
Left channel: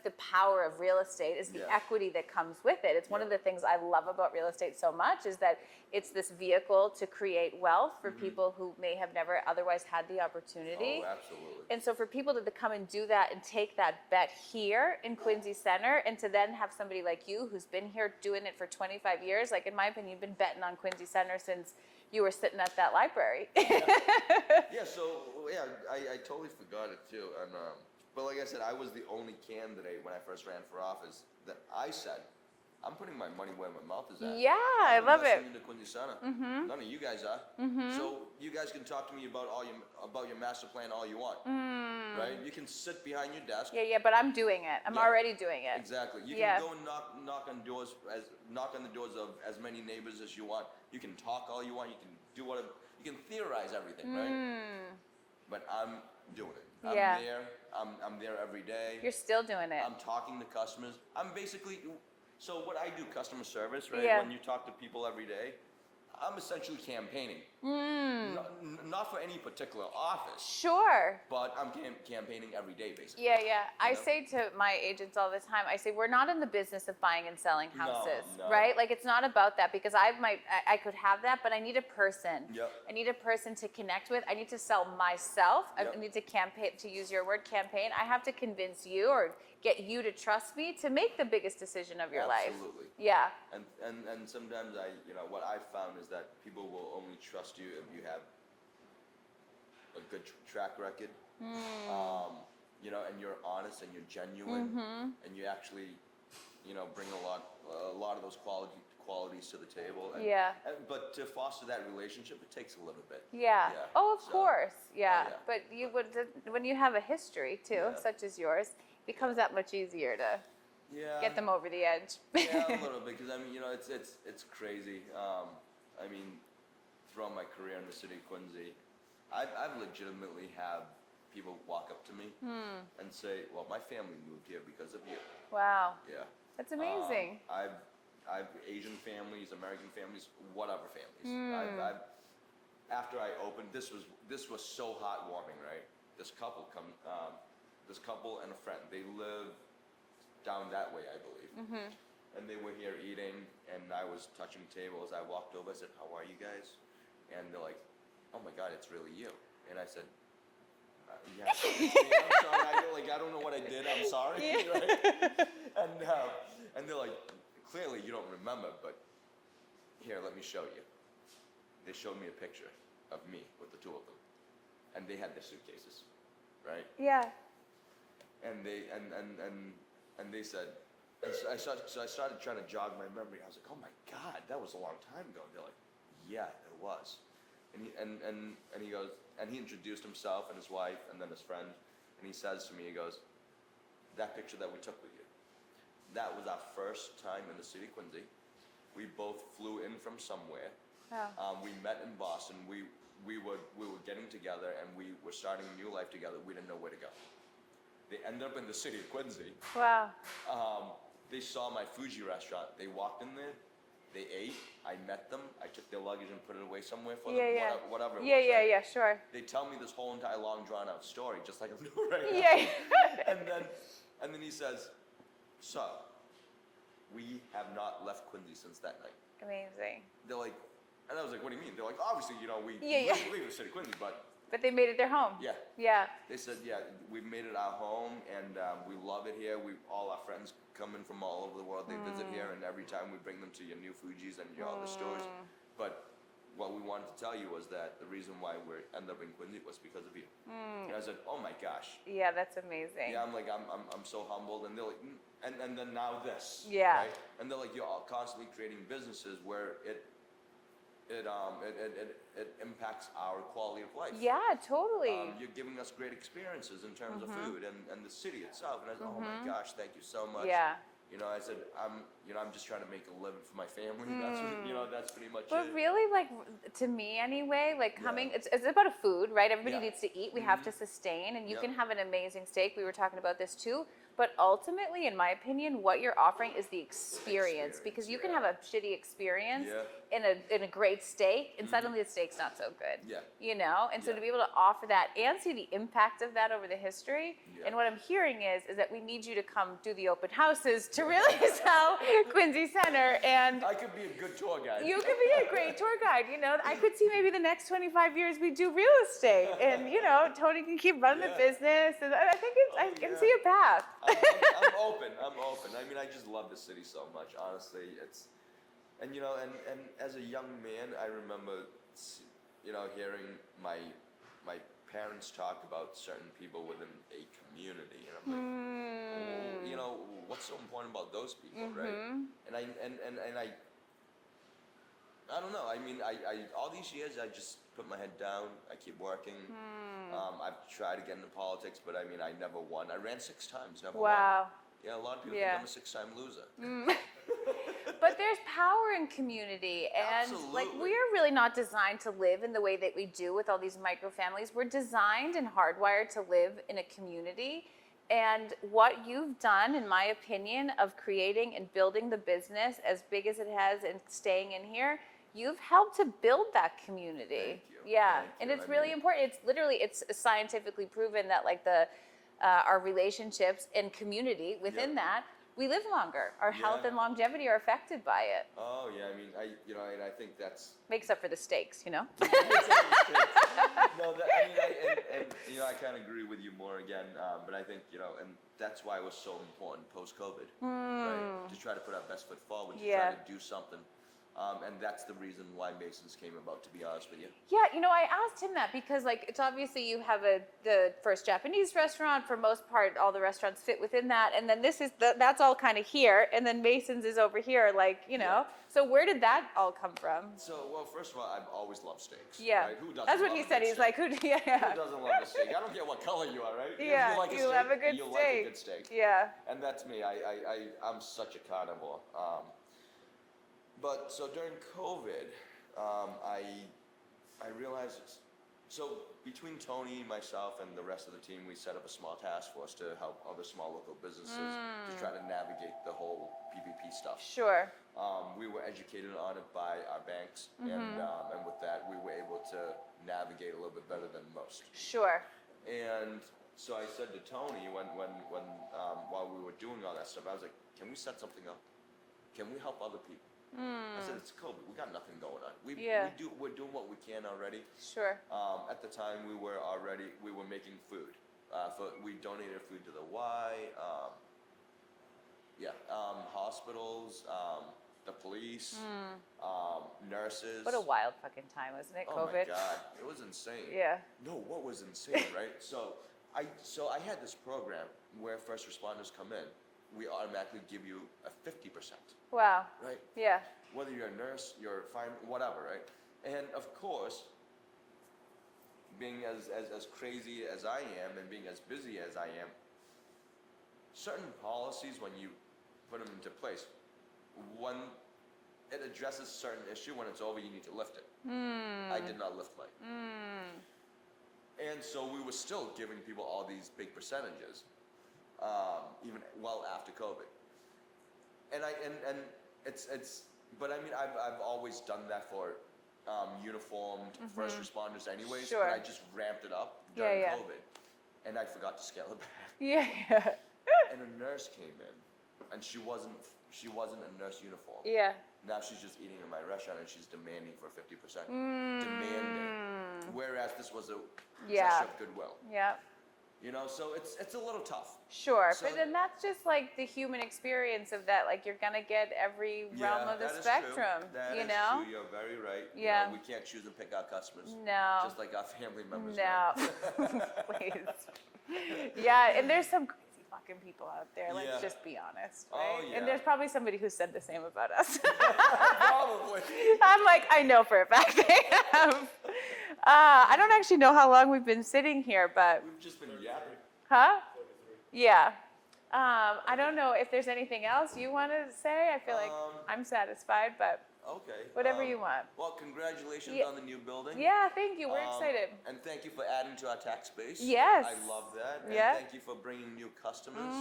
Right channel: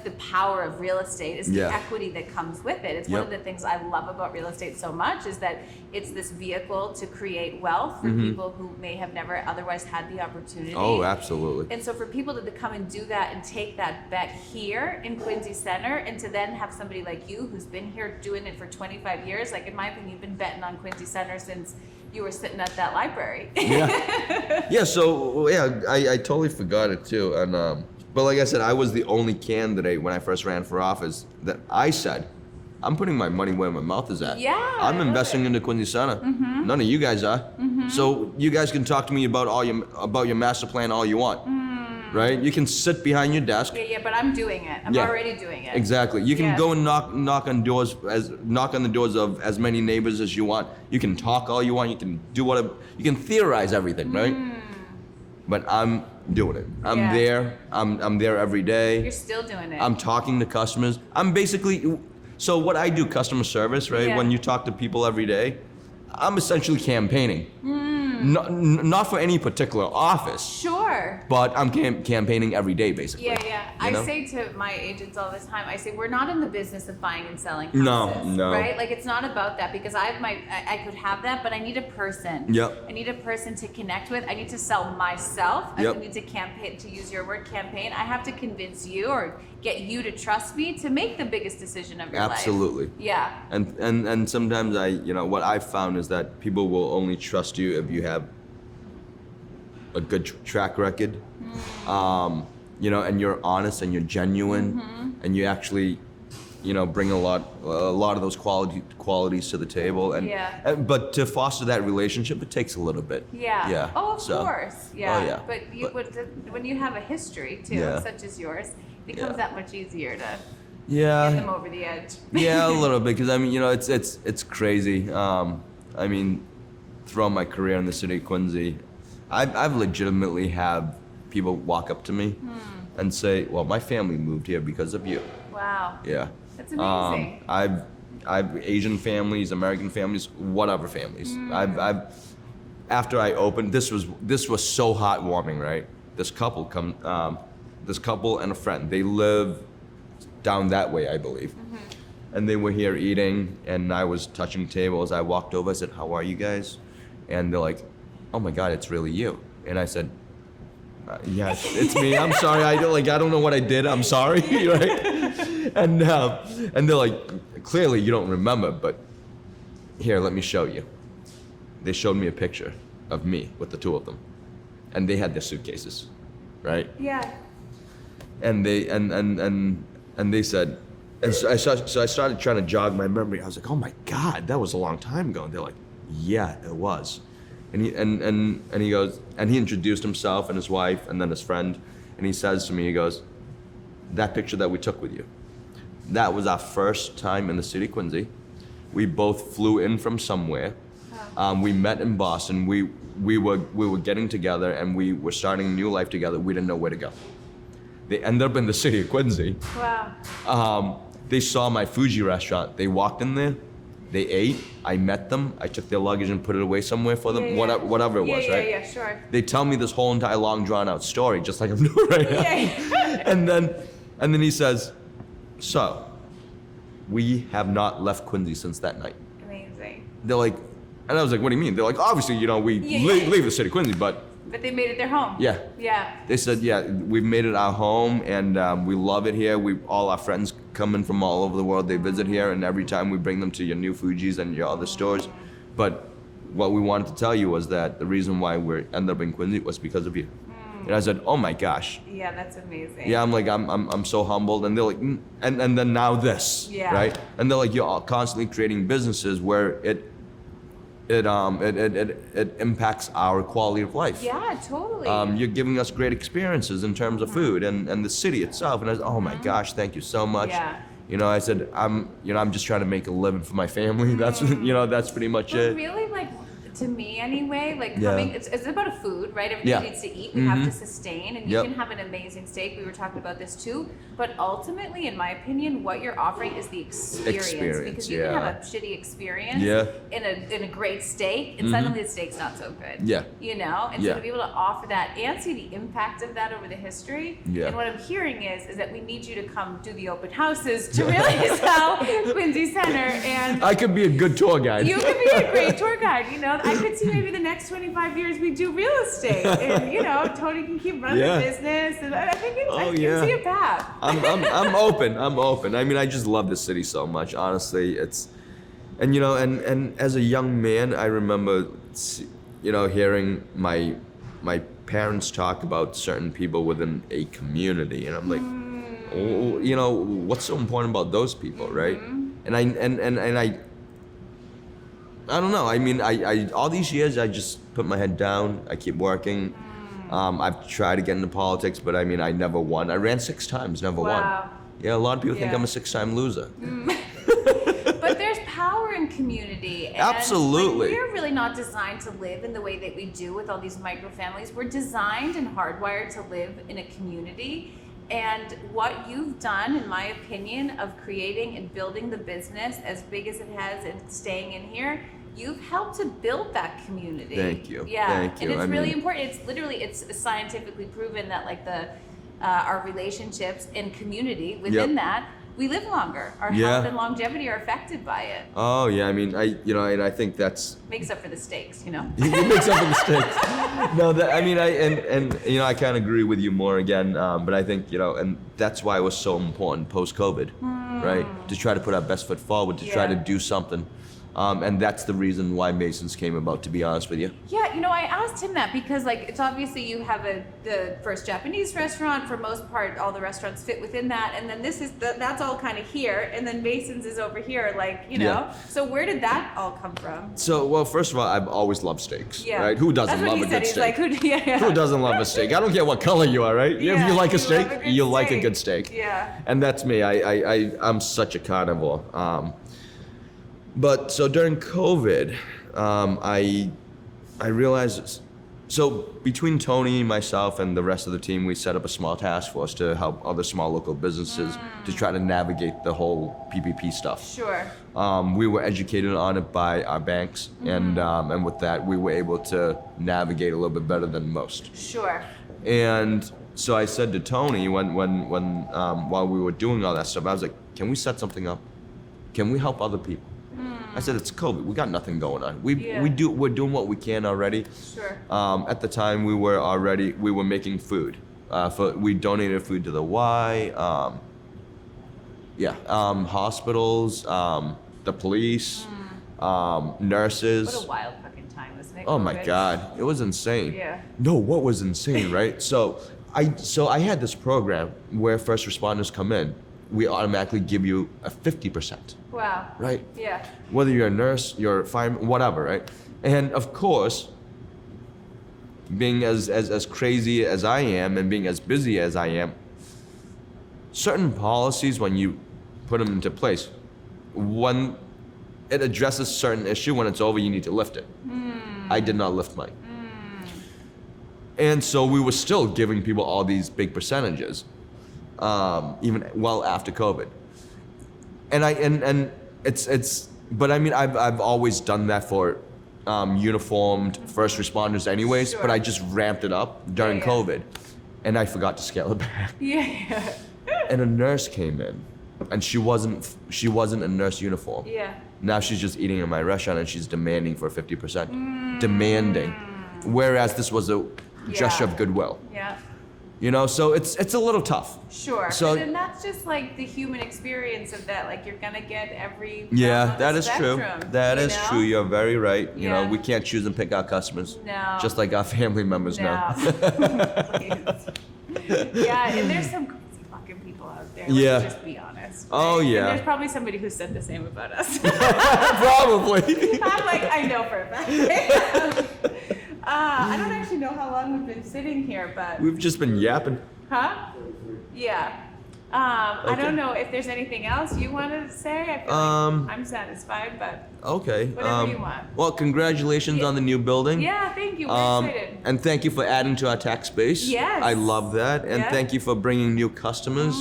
the power of real estate, is the equity that comes with it. It's one of the things I love about real estate so much, is that it's this vehicle to create wealth for people who may have never otherwise had the opportunity. Oh, absolutely. And so for people to come and do that and take that bet here in Quincy Center, and to then have somebody like you who's been here doing it for 25 years, like in my opinion, you've been betting on Quincy Center since you were sitting at that library. So I totally forgot it too. And but like I said, I was the only candidate when I first ran for office that I said, I'm putting my money where my mouth is at. Yeah, I'm I love investing it. into Quincy Center. None of you guys are. So you guys can talk to me about your master plan all you want. Right? You can sit behind your desk. Yeah, but I'm doing it. I'm already doing it. Exactly. You can go and knock on the doors of as many neighbors as you want. You can talk all you want. You can do whatever. You can theorize everything, right? But I'm doing it. I'm there. I'm there every day. You're still doing it. I'm talking to customers. I'm basically, so what I do, customer service, right? Yeah. When you talk to people every day, I'm essentially campaigning. Not for any particular office. Sure. But I'm campaigning every day, basically. Yeah. I know? say to my agents all the time, I say, we're not in the business of buying and selling houses. No. Right? Like, it's not about that, because I could have that, but I need a person. Yep. I need a person to connect with. I need to sell myself. Yep. I need to campaign, to use your word, campaign. I have to convince you or get you to trust me to make the biggest decision of your life. Absolutely. Yeah. And sometimes what I've found is that people will only trust you if you have a good track record, and you're honest and you're genuine, and you actually, bring a lot of those qualities to the table. But to foster that relationship, it takes a little bit. Yeah. Oh, of course. Yeah. Oh, yeah. But when you have a history too, such as yours, it becomes that much easier to get them over the edge. Yeah, a little bit, because it's crazy. I mean, throughout my career in the city of Quincy, I've legitimately had people walk up to me and say, "Well, my family moved here because of you." Wow. Yeah. That's amazing. I've Asian families, American families, whatever families. I've after I opened, this was so heartwarming, right? This couple this couple and a friend. They live down that way, I believe. And they were here eating, and I was touching tables. I walked over, I said, "How are you guys?" And they're like, "Oh my God, it's really you." And I said, "Yeah, it's me. I'm sorry. I don't know what I did. I'm sorry." Right? And they're like, "Clearly you don't remember, but here, let me show you." They showed me a picture of me with the two of them, and they had their suitcases, right? Yeah. And they said, and so I started trying to jog my memory. I was like, "Oh my God, that was a long time ago." And they're like, "Yeah, it was." And he goes, and he introduced himself and his wife and then his friend, and he says to me, he goes, "That picture that we took with you, that was our first time in the city of Quincy. We both flew in from somewhere. We met in Boston. We were getting together, and we were starting a new life together. We didn't know where to go. They ended up in the city of Quincy. Wow. They saw my Fuji restaurant. They walked in there. They ate. I met them. I took their luggage and put it away somewhere for them. Yeah, yeah. Whatever it was, right? Yeah, sure. They tell me this whole entire long, drawn-out story, just like I'm doing right now. Yeah. And then he says, "So, we have not left Quincy since that night." Amazing. They're like, and I was like, "What do you mean?" They're like, "Obviously, we leave the city of Quincy, but." But they made it their home. Yeah. Yeah. They said, "Yeah, we've made it our home, and we love it here. All our friends come in from all over the world. They visit here, and every time we bring them to your new Fuji's and your other stores. But what we wanted to tell you was that the reason why we ended up in Quincy was because of you." And I said, "Oh my gosh." Yeah, that's amazing. Yeah, I'm like, I'm so humbled. And they're like, and then now this, Yeah. right? And they're like, "You're all constantly creating businesses where it impacts our quality of life. Yeah, totally. You're giving us great experiences in terms of food and the city itself." And I said, "Oh my gosh, thank you so much." Yeah. I said, I'm just trying to make a living for my family. That's that's pretty much But it. really, like, to me anyway, like Yeah. coming, it's about a food, right? Everybody Yeah. needs to eat. We have to sustain, and you Yep. can have an amazing steak. We were talking about this too. But ultimately, in my opinion, what you're offering is the experience. Because you can have a shitty experience Yeah. in a great steak, and suddenly the steak's not so good. Yeah. And so Yeah. to be able to offer that and see the impact of that over the history. Yeah. And what I'm hearing is that we need you to come do the open houses to really sell Quincy Center. And I could be a good tour guide. you could be a great tour guide. I could see maybe the next 25 years we do real estate, and Tony can keep running Yeah. the business, and I think I can yeah. see a path. I'm open. I'm open. I mean, I just love the city so much. Honestly, and as a young man, I remember, hearing my parents talk about certain people within a community, and I'm like, what's so important about those people, right? And I don't know. I mean, I all these years I just put my head down. I keep working. I've tried to get into politics, but I mean, I never won. I ran 6 times, never won. Wow. Yeah, a lot of people think Yeah. I'm a 6-time loser. But there's power in community. And Absolutely. we're really not designed to live in the way that we do with all these micro families. We're designed and hardwired to live in a community. And what you've done, in my opinion, of creating and building the business as big as it has and staying in here, you've helped to build that community. Thank you. Yeah. Thank you. And it's I really mean- important. It's scientifically proven that like our relationships and community within Yep. that, we live longer. Our Yeah. health and longevity are affected by it. Oh yeah, I mean, and I think that's Makes up for the stakes, it makes up for mistakes. No, I kind of agree with you more again, but I think and that's why it was so important post COVID, right? To try to put our best foot forward, to try Yeah. to do something. And that's the reason why Mason's came about, to be honest with you. Yeah, I asked him that because it's obviously you have the first Japanese restaurant. For most part, all the restaurants fit within that, and then that's all kind of here, and then Mason's is over here, Yeah. So where did that all come from? So, well, first of all, I've always loved steaks, Yeah. right? Who doesn't That's what love he a said. good He's steak? like, Who doesn't love a steak? I don't care what color you are, right? If Yeah, you like a you steak, love a good you like a steak. good steak. Yeah. And that's me. I'm such a carnivore. But so during COVID, I realized. So between Tony, myself, and the rest of the team, we set up a small task force to help other small local businesses to try to navigate the whole PPP stuff. Sure. We were educated on it by our banks, and with that, we were able to navigate a little bit better than most. Sure. And so I said to Tony when while we were doing all that stuff, I was like, can we set something up? Can we help other people? I said, it's COVID. We got nothing going on. We're doing what we can already. Sure. At the time, we were making food. We donated food to the Y. Hospitals, the police, nurses. What a wild fucking time, wasn't it? Oh my COVID? God, it was insane. Yeah. No, what was insane, right? So I had this program where first responders come in, we automatically give you a 50%. Wow. Right? Yeah. Whether you're a nurse, you're a fireman, whatever, right? And of course, being as crazy as I am and being as busy as I am, certain policies, when you put them into place, when it addresses certain issue, when it's over, you need to lift it. I did not lift mine. And so we were still giving people all these big percentages, even well after COVID. And it's but I mean I've always done that for uniformed first responders anyways, but I just ramped it up during COVID, and I forgot to scale it back. Yeah. And a nurse came in, and she wasn't a nurse uniform. Yeah. Now she's just eating in my restaurant, and she's demanding for 50%. Demanding. Whereas this was a gesture of goodwill. Yeah. You know, so it's a little tough. Sure. So, but then that's just like the human experience of that. Like you're gonna get every yeah, that is spectrum, true. That is true. You're very right. You Yeah. know, we can't choose and pick our customers. No. Just like our family members know. Yeah, and there's some crazy fucking people out there. Let's Yeah. just be honest. Oh, right? yeah. And there's probably somebody who said the same about us. Probably. I'm like, I know for a fact. I don't actually know how long we've been sitting here, but We've just been yapping. huh? Yeah. I Okay. don't know if there's anything else you want to say. I feel like I'm satisfied, but Okay. Whatever you want. Well, congratulations Yeah. on the new building. yeah, thank you. We're excited. And thank you for adding to our tax base. Yes. I love that. And Yes. thank you for bringing new customers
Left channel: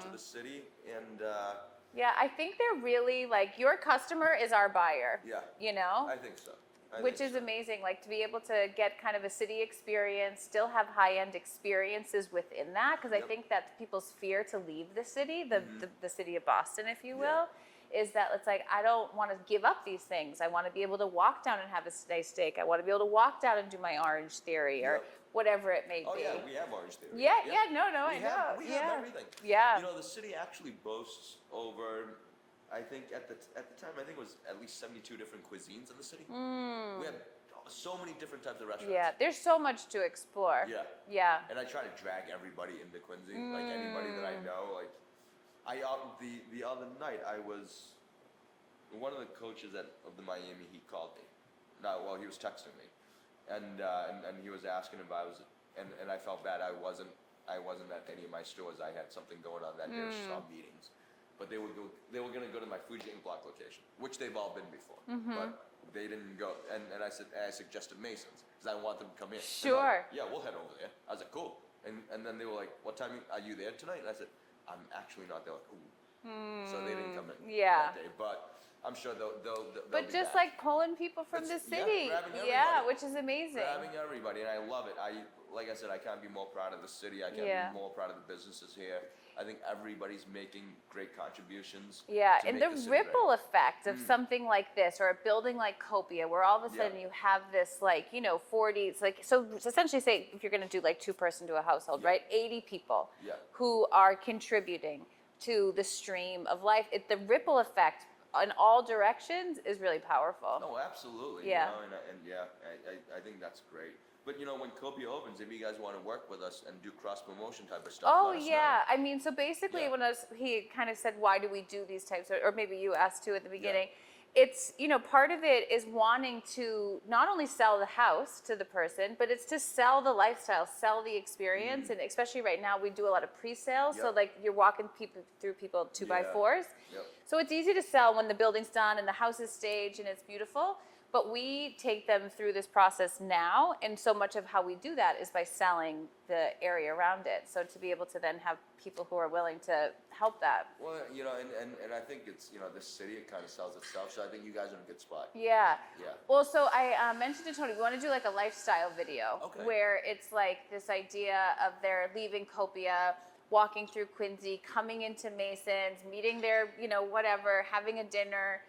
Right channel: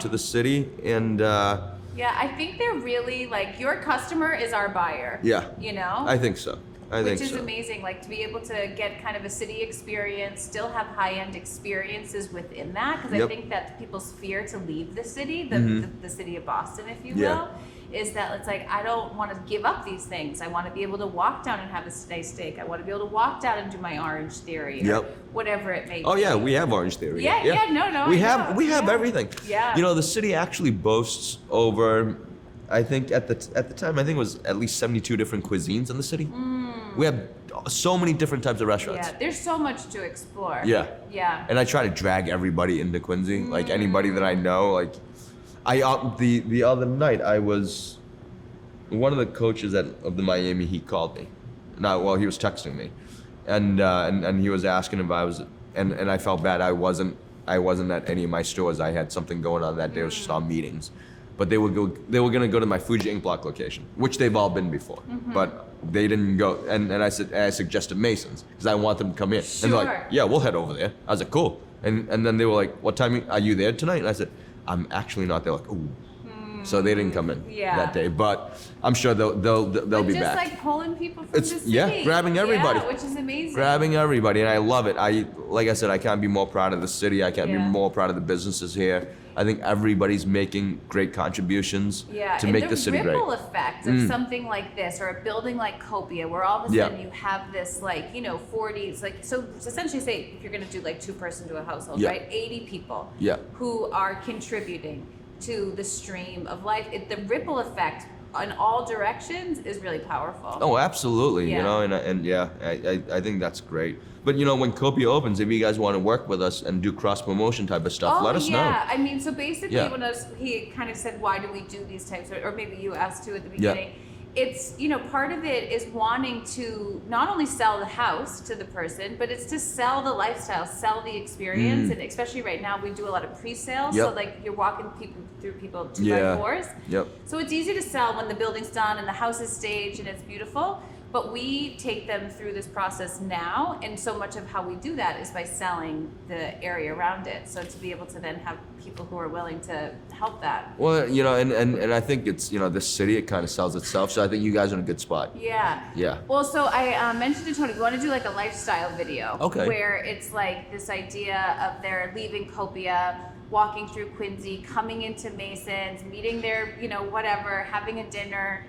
to the city. And Yeah, I think they're really like your customer is our buyer. yeah, You know? I think so. Which is amazing, like to be able to get kind of a city experience, still have high-end experiences within that, because I Yep. think that people's fear to leave the city, the city of Boston, if you Yeah. will, is that it's like, I don't want to give up these things. I want to be able to walk down and have a nice steak. I want to be able to walk down and do my Orange Theory or Yep. whatever it may be. Oh yeah, we have Orange Theory. Yeah, no, We I have know, we have yeah. everything. Yeah. You know, the city actually boasts over, I think at the time I think it was at least 72 different cuisines in the city. We have so many different types of restaurants. Yeah, there's so much to explore. Yeah. Yeah. And I try to drag everybody into Quincy, like anybody that I know. Like, the other night I was, one of the coaches of the Miami Heat called me. He was texting me, and he was asking if I was, and I felt bad. I wasn't at any of my stores. I had something going on that day. I was just on meetings, but they were gonna go to my Fuji Ink Block location, which they've all been before, but they didn't go. And I suggested Mason's because I want them to come in. And they're like, Sure. yeah, we'll head over there. I was like, cool. And then they were like, what time are you there tonight? And I said, I'm actually not. They're like, ooh. So they didn't come in that day, but I'm sure they'll But be just back. like pulling people from It's- the city. yeah, grabbing everybody. Yeah, which is amazing. Grabbing everybody, and I love it. Like I said, I can't be more proud of the city. I can't Yeah. be more proud of the businesses here. I think everybody's making great contributions Yeah, to and make the the city great. ripple effect of something like this, or a building like Copia, where all of a Yeah. sudden you have this, like, 40s, like, so essentially say if you're going to do like 2-person to a household, Yeah. right? 80 people Yeah. who are contributing to the stream of life. The ripple effect in all directions is really powerful. Oh, absolutely. Yeah. You know, I think that's great. But when Copia opens, if you guys want to work with us and do cross promotion type of stuff, let us know. I mean, so basically, Yeah. when he kind of said, "Why do we do these types?" Or maybe you asked too at the Yeah. beginning. It's part of it is wanting to not only sell the house to the person, but it's to sell the lifestyle, sell the experience, and especially right now we do a lot of pre-sales. So Yep. like you're walking through people 2x4s. Yep. So it's easy to sell when the building's done and the house is staged and it's beautiful. But we take them through this process now, and so much of how we do that is by selling the area around it. So to be able to then have people who are willing to help that. Well, you know, and I think it's, you know, this city, it kind of sells itself. So I think you guys are in a good spot. Yeah. Yeah. Well, so I mentioned to Tony, we want to do like a lifestyle video. Okay. Where it's like this idea of they're leaving Copia, walking through Quincy, coming into Mason's, meeting their, you know, whatever, having a dinner.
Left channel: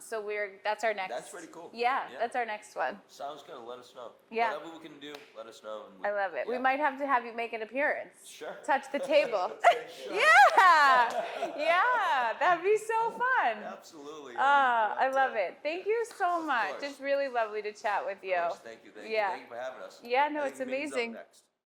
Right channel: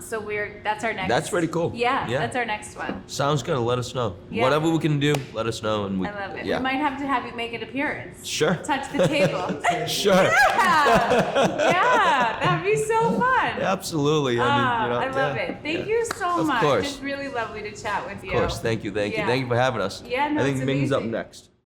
So that's our next. That's pretty cool. Yeah, Yeah. that's our next one. Sounds good. Let us know. Yeah. Whatever we can do, let us know. And I love it. Yeah. We might have to have you make an appearance. Sure. Touch the table. Sure. Yeah, that'd be so fun. Absolutely. I mean, you know, I love yeah, it. Thank yeah. you so Of much. course. It's really lovely to chat with you. Of course. Thank you. Thank you. Yeah. Thank you for having us. Yeah, no, I think it's Ming's up amazing. next.